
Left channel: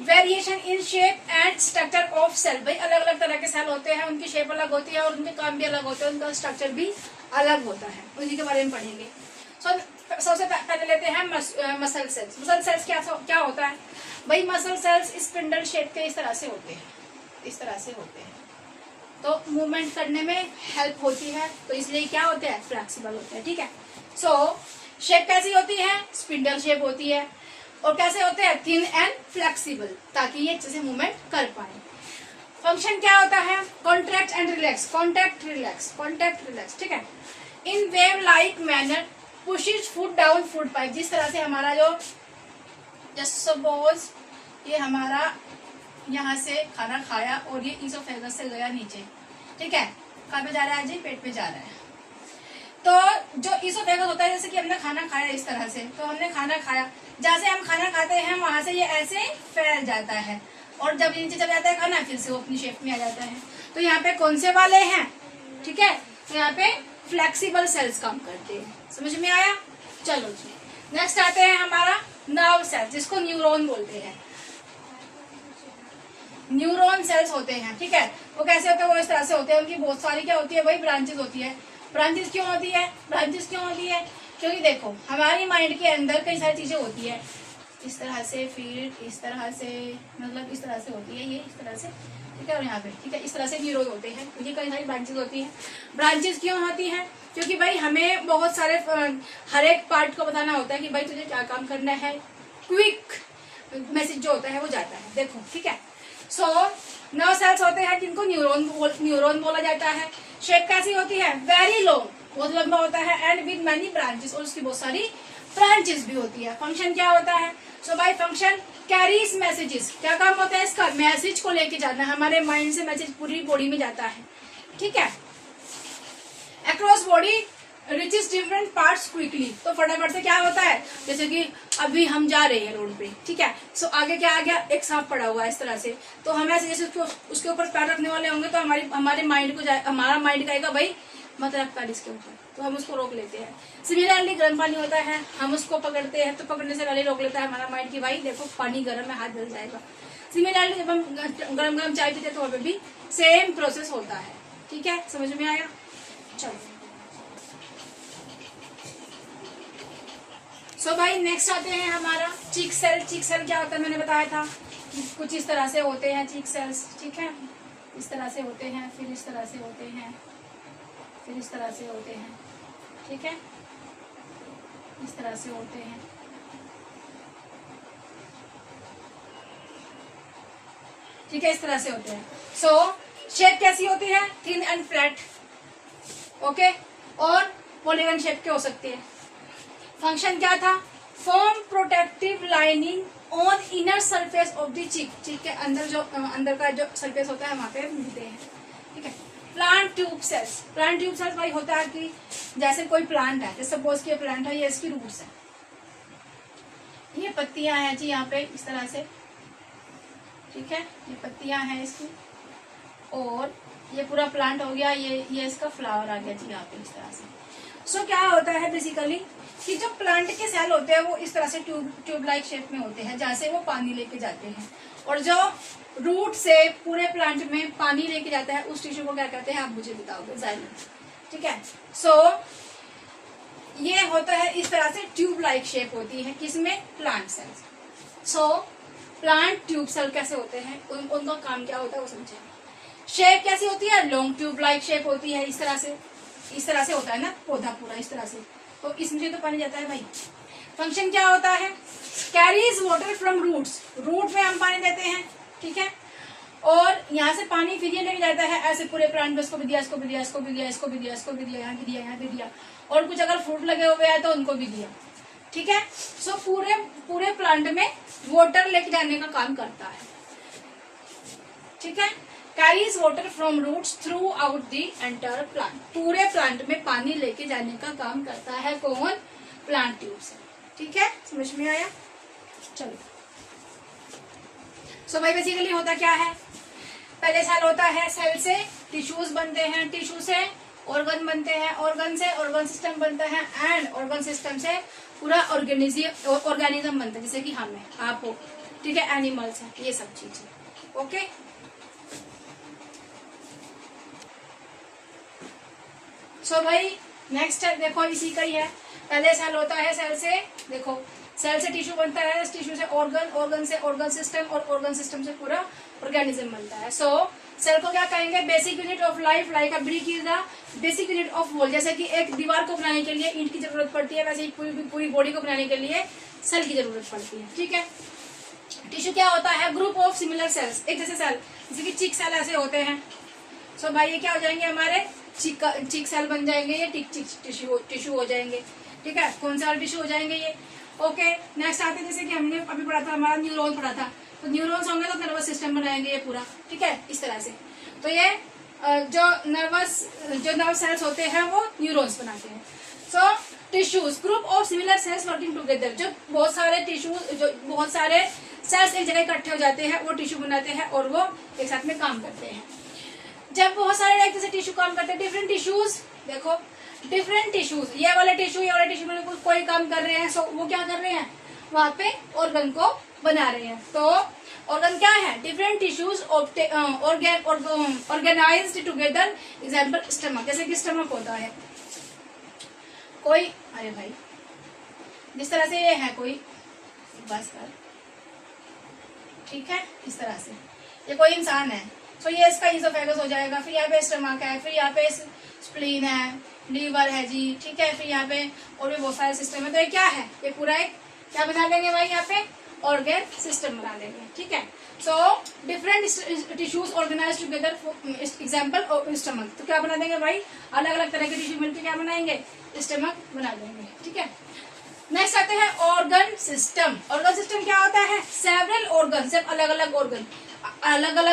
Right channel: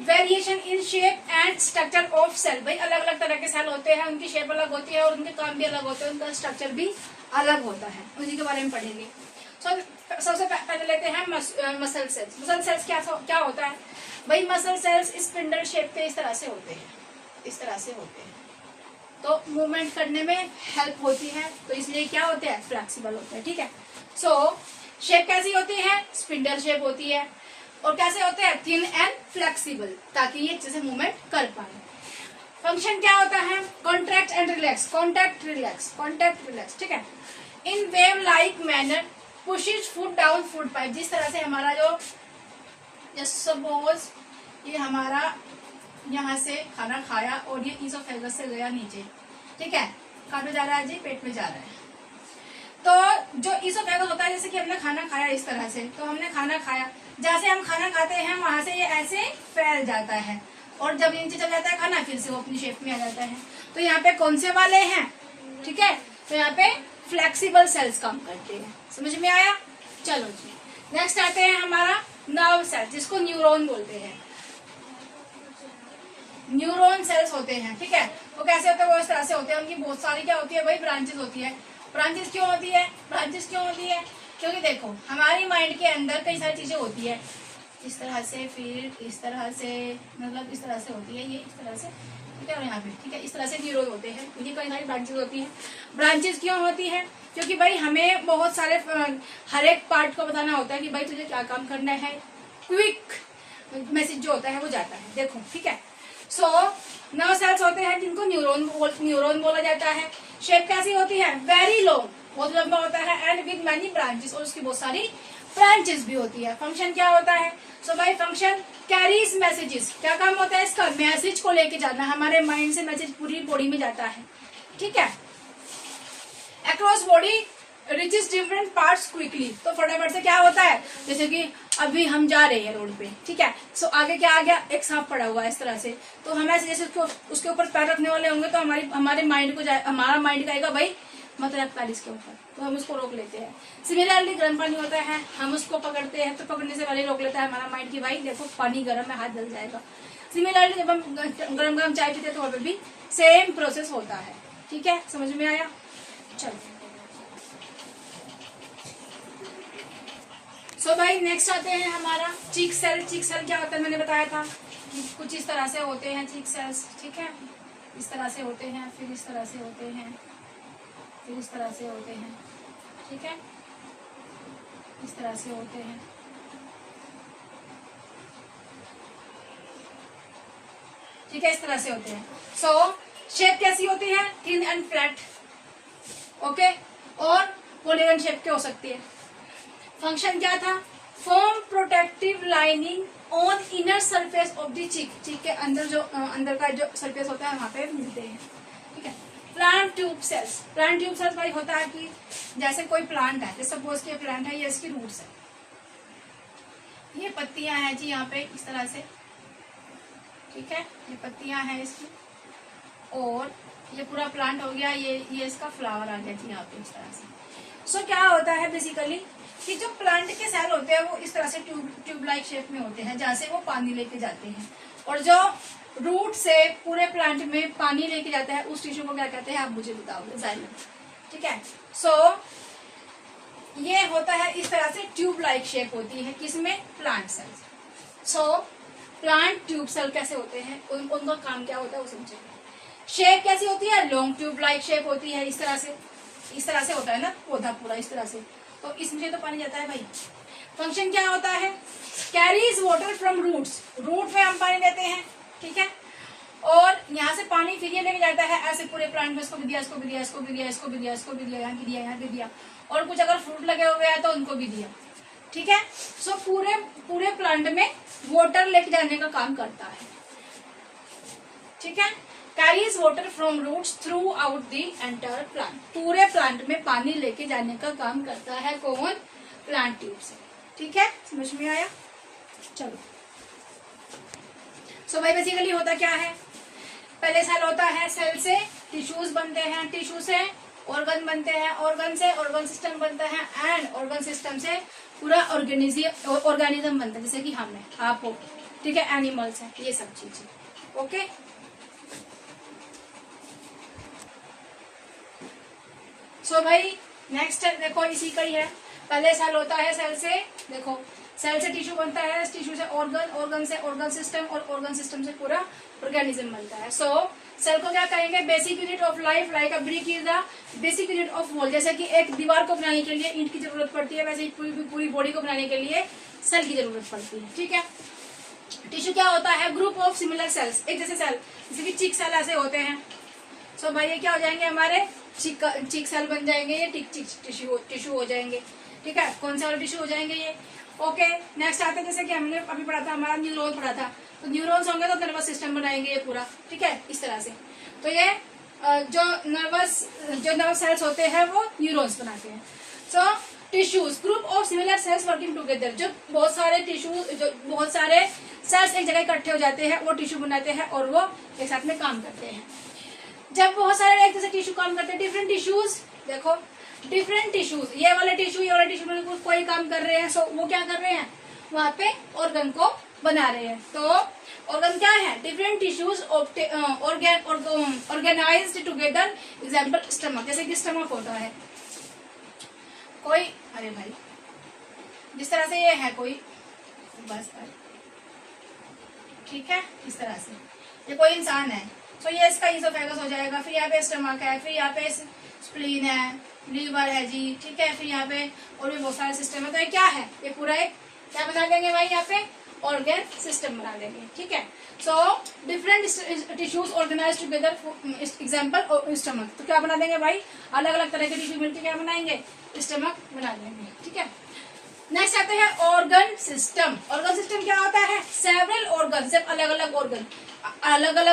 variation in shape and structure of cell. भाई अलग अलग तरह के सेल होते हैं, उनकी शेप अलग होती है और उनके काम भी अलग होते हैं, उनका स्ट्रक्चर भी अलग होता है, उसी के बारे में पढ़ेंगे। सबसे पहले लेते हैं मसल सेल्स। मसल सेल्स क्या होता है भाई? मसल सेल्स स्पिंडल शेप के इस तरह से होते हैं, इस तरह से होते हैं, तो मूवमेंट करने में हेल्प होती है, तो इसलिए क्या होते हैं? फ्लेक्सिबल होते हैं। ठीक है, सो शेप कैसी होती है? स्पिंडल शेप होती है। और कैसे होते हैं? थिन एंड फ्लेक्सिबल, ताकि ये अच्छे से मूवमेंट कर पाए। फंक्शन क्या होता है? Contract and relax, contract relax, contract relax. ठीक है, in wave like manner pushes food down food pipe. जिस तरह से हमारा जो जस्ट सपोज ये हमारा यहाँ से खाना खाया और ये ईसोफेगस से गया नीचे। ठीक है, कहाँ पे जा रहा है जी? पेट में जा रहा है। तो जो ईसोफेगस होता है, जैसे कि हमने खाना खाया इस तरह से, तो हमने खाना खाया, जहाँ से हम खाना खाते हैं वहां से ये ऐसे फैल जाता है और जब नीचे चल जाता है खाना, फिर से वो अपनी शेप में आ जाता है। तो यहाँ पे कौन से वाले हैं? ठीक है, तो यहाँ पे फ्लेक्सिबल सेल्स काम करते हैं। समझ में आया? चलो जी, नेक्स्ट आते हैं हमारा नर्व सेल्स, जिसको न्यूरॉन बोलते हैं। न्यूरॉन सेल्स होते हैं। ठीक है, वो कैसे होते हैं? वो इस तरह से होते हैं, उनकी बहुत सारी क्या होती है भाई? ब्रांचेस होती है। ब्रांचेस क्यों होती है? ब्रांचेस क्यों होती है? क्योंकि देखो हमारी माइंड के अंदर कई सारी चीजें होती है, इस तरह से, फिर इस तरह से, मतलब इस तरह से होती है, ये इस तरह से। ठीक है, और यहाँ पे ठीक है, इस तरह से न्यूरॉन होते हैं, ये कई सारी ब्रांचेस होती हैं। ब्रांचेस क्यों होती है? क्योंकि भाई हमें बहुत सारे हर एक पार्ट को बताना होता है कि भाई तुझे क्या काम करना है। क्विक मैसेज जो होता है वो जाता है, देखो। ठीक है, सो नर्व सेल्स होते हैं जिनको न्यूरॉन बोला जाता है। शेप कैसी होती है? वेरी लॉन्ग, बहुत लंबा होता है, एंड विद मैनी ब्रांचेस, और उसकी बहुत सारी ब्रांचेस भी होती है। फंक्शन क्या होता है? सो बाय फंक्शन कैरीज मैसेजेस। क्या काम होता है इसका? मैसेज को लेके जाना, हमारे माइंड से मैसेज पूरी बॉडी में जाता है। ठीक है, across body reaches different parts quickly. तो फटाफट से क्या होता है? जैसे कि अभी हम जा रहे हैं रोड पे, ठीक है, सो आगे क्या आ गया? एक सांप पड़ा हुआ है इस तरह से, तो हम ऐसे जैसे उसके ऊपर पैर रखने वाले होंगे, तो हमारे माइंड को हमारा माइंड कहेगा भाई मत रख पैर इसके ऊपर, तो हम उसको रोक लेते हैं। सिमिलरली गर्म पानी होता है, हम उसको पकड़ते हैं, तो पकड़ने से पहले रोक लेता है हमारा माइंड की भाई देखो पानी गर्म है, हाथ जल जाएगा। सिमिलरली जब हम गरम गरम चाय पीते हैं तो वहाँ पे भी सेम प्रोसेस होता है। ठीक है, समझ में आया? चलो सो भाई नेक्स्ट आते हैं हमारा चीक सेल। चीक सेल क्या होता है? मैंने बताया था कि कुछ इस तरह से होते हैं चीक सेल्स। ठीक है, इस तरह से होते हैं, फिर इस तरह से होते हैं, फिर इस तरह से होते हैं। ठीक है, इस तरह से होते हैं। ठीक है, इस तरह से होते हैं। सो शेप कैसी होती है? Thin and flat. ओके, और पॉलीगन शेप के हो सकती है। फंक्शन क्या था? Form protective lining on inner surface of the cheek. Cheek के अंदर जो अंदर का जो सरफेस होता है वहां पे मिलते हैं। ठीक है, plant tube cells. Plant tube cells भाई होता है कि जैसे कोई प्लांट है, जैसे सपोज कि प्लांट है, ये इसकी रूट्स है, ये पत्तियां हैं जी यहाँ पे इस तरह से। ठीक है, ये पत्तियां हैं इसकी, और ये पूरा प्लांट हो गया, ये इसका फ्लावर आ गया जी यहाँ पे इस तरह से। सो क्या होता है बेसिकली कि जो प्लांट के सेल होते हैं वो इस तरह से ट्यूब लाइक शेप में होते हैं, जहाँ से वो पानी लेके जाते हैं, और जो रूट से पूरे प्लांट में पानी लेके जाता है उस टिश्यू को क्या कहते हैं आप मुझे बताओगे? जाइलम। ठीक है, सो ये होता है इस तरह से ट्यूब लाइक शेप होती है, किसमें? Plant cells. So plant tube cell कैसे होते हैं, उनका काम क्या होता है वो समझेंगे। शेप कैसी होती है? लॉन्ग ट्यूब लाइक शेप होती है, इस तरह से होता है ना पौधा पूरा इस तरह से, तो इसमें तो पानी जाता है भाई। फंक्शन क्या होता है? Carries water from roots. Root में हम पानी देते हैं, ठीक है, और यहाँ से पानी फिर ये लेके जाता है ऐसे पूरे प्लांट में, इसको भी दिया, इसको भी दिया, इसको भी दिया, इसको भी दिया, इसको भी दिया, यहाँ भी दिया, यहाँ भी दिया, और कुछ अगर फ्रूट लगे हुए हैं तो उनको भी दिया। ठीक है, सो पूरे प्लांट में वाटर लेके जाने का काम करता है। ठीक है, carries water from roots throughout the entire plant. पूरे प्लांट में पानी लेके जाने का काम करता है कौन? प्लांट ट्यूब से। ठीक है, समझ में आया? चलो सो भाई बेसिकली होता क्या है? पहले सेल होता है, सेल से टिश्यूज बनते हैं, टिश्यू से ऑर्गन बनते हैं, ऑर्गन से ऑर्गन सिस्टम बनता है, एंड ऑर्गन सिस्टम से पूरा ऑर्गेनिज्म बनता है, जैसे कि हम है, आप हो, ठीक है, एनिमल्स है, ये सब चीजें। ओके, सो भाई नेक्स्ट देखो इसी का ही है। पहले सेल होता है, सेल से देखो, सेल से टिश्यू बनता है, टिश्यू से ऑर्गन, ऑर्गन से ऑर्गन सिस्टम, और ऑर्गन सिस्टम से पूरा ऑर्गेनिज्म बनता है। सो सेल को क्या कहेंगे? Basic unit of life, like a brick is the basic unit of wall. जैसे कि एक दीवार को बनाने के लिए ईंट की जरूरत पड़ती है, वैसे ही पूरी बॉडी को बनाने के लिए सेल की जरूरत पड़ती है। ठीक है, टिश्यू क्या होता है? ग्रुप ऑफ सिमिलर सेल्स, एक जैसे सेल, जैसे कि चिक सेल ऐसे होते हैं। सो भाई ये क्या हो जाएंगे? हमारे चिक सेल बन जाएंगे, ये टिश्यू हो जाएंगे। ठीक है, कौन से वाले टिश्यू हो जाएंगे ये? ओके, नेक्स्ट आते हैं, जैसे कि हमने अभी पढ़ा था, हमारा न्यूरॉन पढ़ा था, तो न्यूरॉन्स होंगे तो नर्वस सिस्टम बनाएंगे ये पूरा। ठीक है, इस तरह से। तो ये जो नर्व सेल्स होते हैं वो न्यूरॉन्स बनाते हैं। So tissues, group of similar cells working together, जो बहुत सारे सेल्स एक जगह इकट्ठे हो जाते हैं, वो टिश्यू बनाते हैं और वो एक साथ में काम करते हैं। जब बहुत सारे एक जैसे टिश्यू काम करते हैं, डिफरेंट टिश्यूज, देखो डिफरेंट टिश्यूज, ये वाले टिश्यू कोई काम कर रहे हैं, सो वो क्या कर रहे हैं? वहां पे ऑर्गन को बना रहे हैं। तो ऑर्गन क्या है? Different tissues organized together. Example stomach, जैसे कि स्टमक होता है कोई, अरे भाई जिस तरह से ये है कोई, बस कर, ठीक है, इस तरह से ये कोई इंसान है, तो ये इसका ईसोफेगस हो जाएगा, फिर यहाँ पे स्टमक है, फिर यहाँ पे स्प्लीन है, लीवर है जी, ठीक है, फिर यहाँ पे और भी बहुत सारे सिस्टम है। तो ये क्या है? ये पूरा एक क्या बना देंगे भाई? यहाँ पे ऑर्गन सिस्टम बना देंगे। ठीक है, so different tissues organize together, example stomach, तो क्या बना देंगे भाई? अलग अलग तरह के टिश्यू मिलकर क्या बनाएंगे? स्टमक बना देंगे। ठीक है, नेक्स्ट आते हैं ऑर्गन सिस्टम। ऑर्गन सिस्टम क्या होता है? सेवरल ऑर्गन, सिर्फ अलग अलग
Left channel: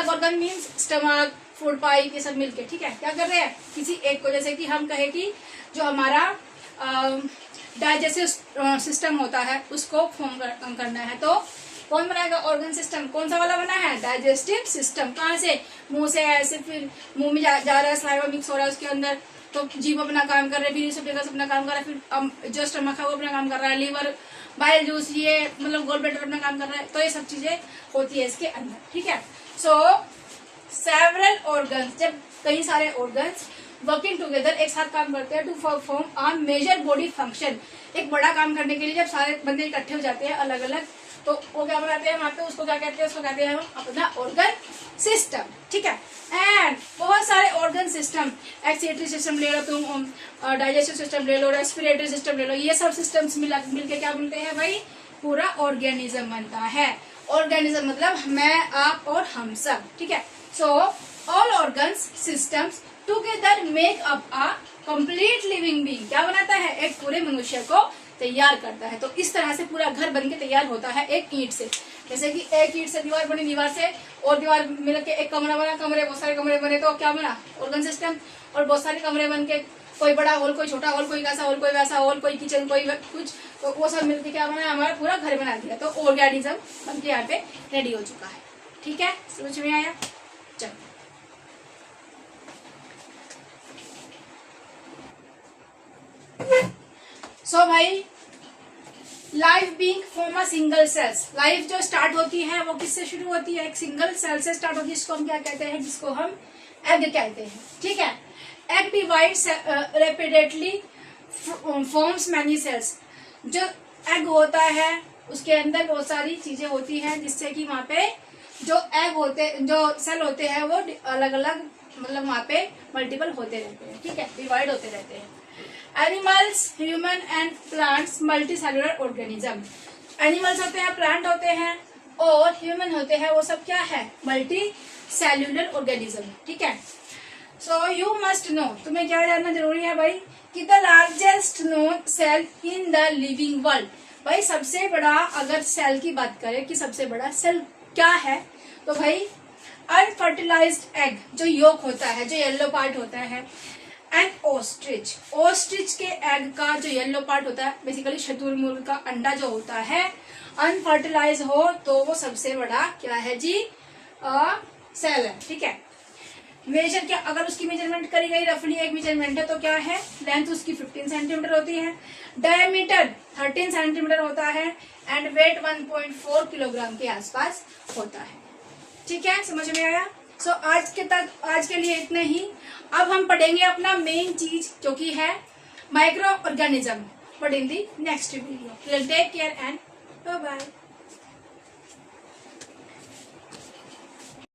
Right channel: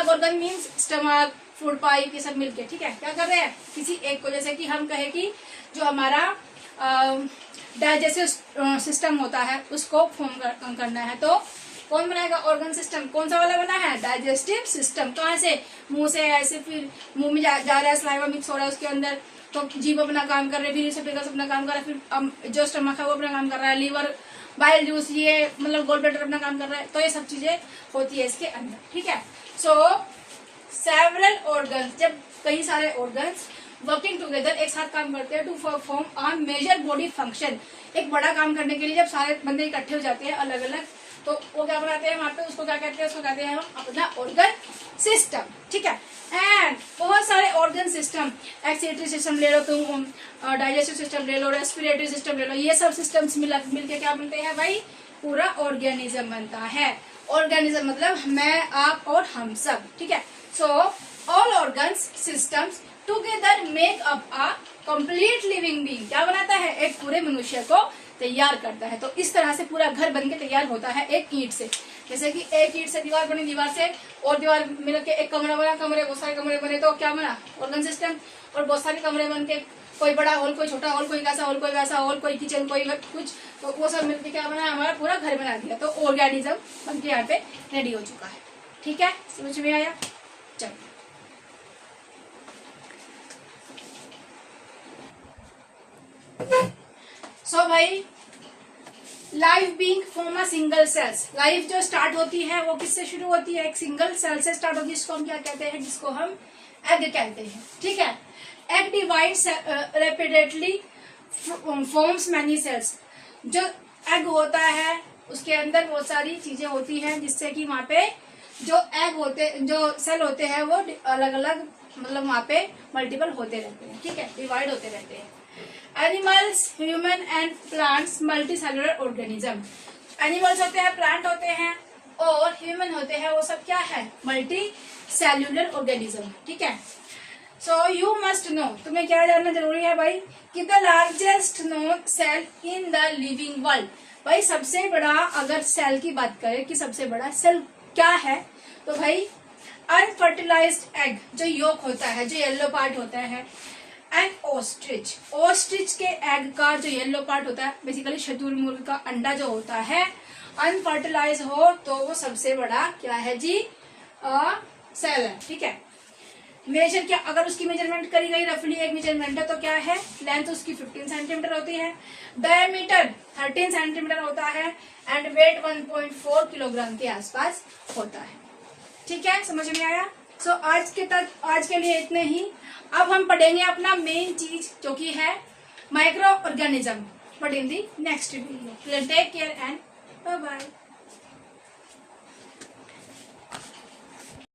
organ means stomach, food pipe, ये सब मिलके। ठीक है, क्या कर रहे हैं? किसी एक को, जैसे कि हम कहे कि जो हमारा डाइजेस्टिव सिस्टम होता है उसको फॉर्म करना है, तो कौन बनाएगा? Organ system. कौन सा वाला बना है? Digestive system. कहाँ से? मुंह से, ऐसे फिर मुंह में जा रहा है, सलाइवा मिक्स हो रहा है उसके अंदर, तो जीभ अपना काम कर रहे हैं, फिर अपना काम कर रहा है, फिर जो स्टमक है वो अपना काम कर रहा है, लीवर, बाइल जूस, ये मतलब गोल ब्लैडर अपना काम कर रहा है। तो ये सब चीजें होती है इसके अंदर। ठीक है, सो सेवरल ऑर्गन्स, जब कई सारे ऑर्गन्स वर्किंग टुगेदर एक साथ काम करते हैं to perform a major body function, एक बड़ा काम करने के लिए जब सारे बंदे इकट्ठे हो जाते हैं अलग अलग, तो वो क्या बनाते हैं वहां पे? उसको क्या कहते हैं? उसको कहते हैं हम अपना ऑर्गन सिस्टम। ठीक है, एंड बहुत सारे ऑर्गन सिस्टम, एक्सीटरी सिस्टम ले लो तुम, डाइजेस्टिव सिस्टम ले लो, रेस्पिरेटरी सिस्टम ले लो, ये सब सिस्टम्स मिलके क्या बनते हैं भाई? पूरा ऑर्गेनिज्म बनता है। ऑर्गेनिज्म मतलब मैं, आप और हम सब। ठीक है, so all organs systems together make up a complete living being, क्या बनाता है? एक पूरे मनुष्य को तैयार करता है। तो इस तरह से पूरा घर बनके तैयार होता है एक ईंट से। जैसे कि एक ईंट से दीवार बनी, दीवार से और दीवार मिलके एक कमरा बना, कमरे बहुत सारे कमरे बने, तो क्या बना? Organ system. और बहुत सारे कमरे बन के, कोई बड़ा हॉल, कोई छोटा हॉल, कोई कैसा हॉल, कोई वैसा हॉल, कोई किचन, कोई कुछ, तो वो सब मिलके क्या बना? हमारा पूरा घर बना दिया। तो ऑर्गेनिज्म बनके यहाँ पे रेडी हो चुका है। ठीक है, समझ में आया? चलो, सो भाई life being from a single cells, life जो स्टार्ट होती है वो किससे शुरू होती है? एक सिंगल सेल से स्टार्ट होती है, जिसको हम क्या कहते हैं? जिसको हम एग कहते हैं। ठीक है, egg divides rapidly forms many cells. जो एग होता है उसके अंदर बहुत सारी चीजें होती हैं, जिससे कि वहां पे जो सेल होते हैं वो अलग अलग, मतलब वहां पे मल्टीपल होते रहते हैं। ठीक है, डिवाइड होते रहते हैं। Animals, human and plants multi cellular organism. Animals होते हैं, प्लांट होते हैं और ह्यूमन होते हैं, वो सब क्या है? Multi cellular organism. ठीक है, सो यू मस्ट नो, तुम्हें क्या जानना जरूरी है भाई? कि the largest known cell in the living world. भाई सबसे बड़ा, अगर सेल की बात करें कि सबसे बड़ा सेल क्या है, तो भाई अनफर्टिलाइज्ड एग, जो योक होता है, जो येलो पार्ट होता है, एंड ऑस्ट्रिच, ऑस्ट्रिच के एग का जो येलो पार्ट होता है, बेसिकली शतुरमुर्ग का अंडा जो होता है, अनफर्टिलाइज हो तो वो सबसे बड़ा क्या है जी? सेल है। ठीक है, मेजर क्या, अगर उसकी मेजरमेंट करी गई रफली एक मेजरमेंट है तो क्या है, लेंथ उसकी 15 सेंटीमीटर होती है, डायमीटर 13 सेंटीमीटर होता है एंड वेट 1.4 किलोग्राम के आसपास होता है। ठीक है, समझ में आया। सो आज के लिए इतने ही। अब हम पढ़ेंगे अपना मेन चीज जो कि है microorganism, but in the next video. Take care and bye bye.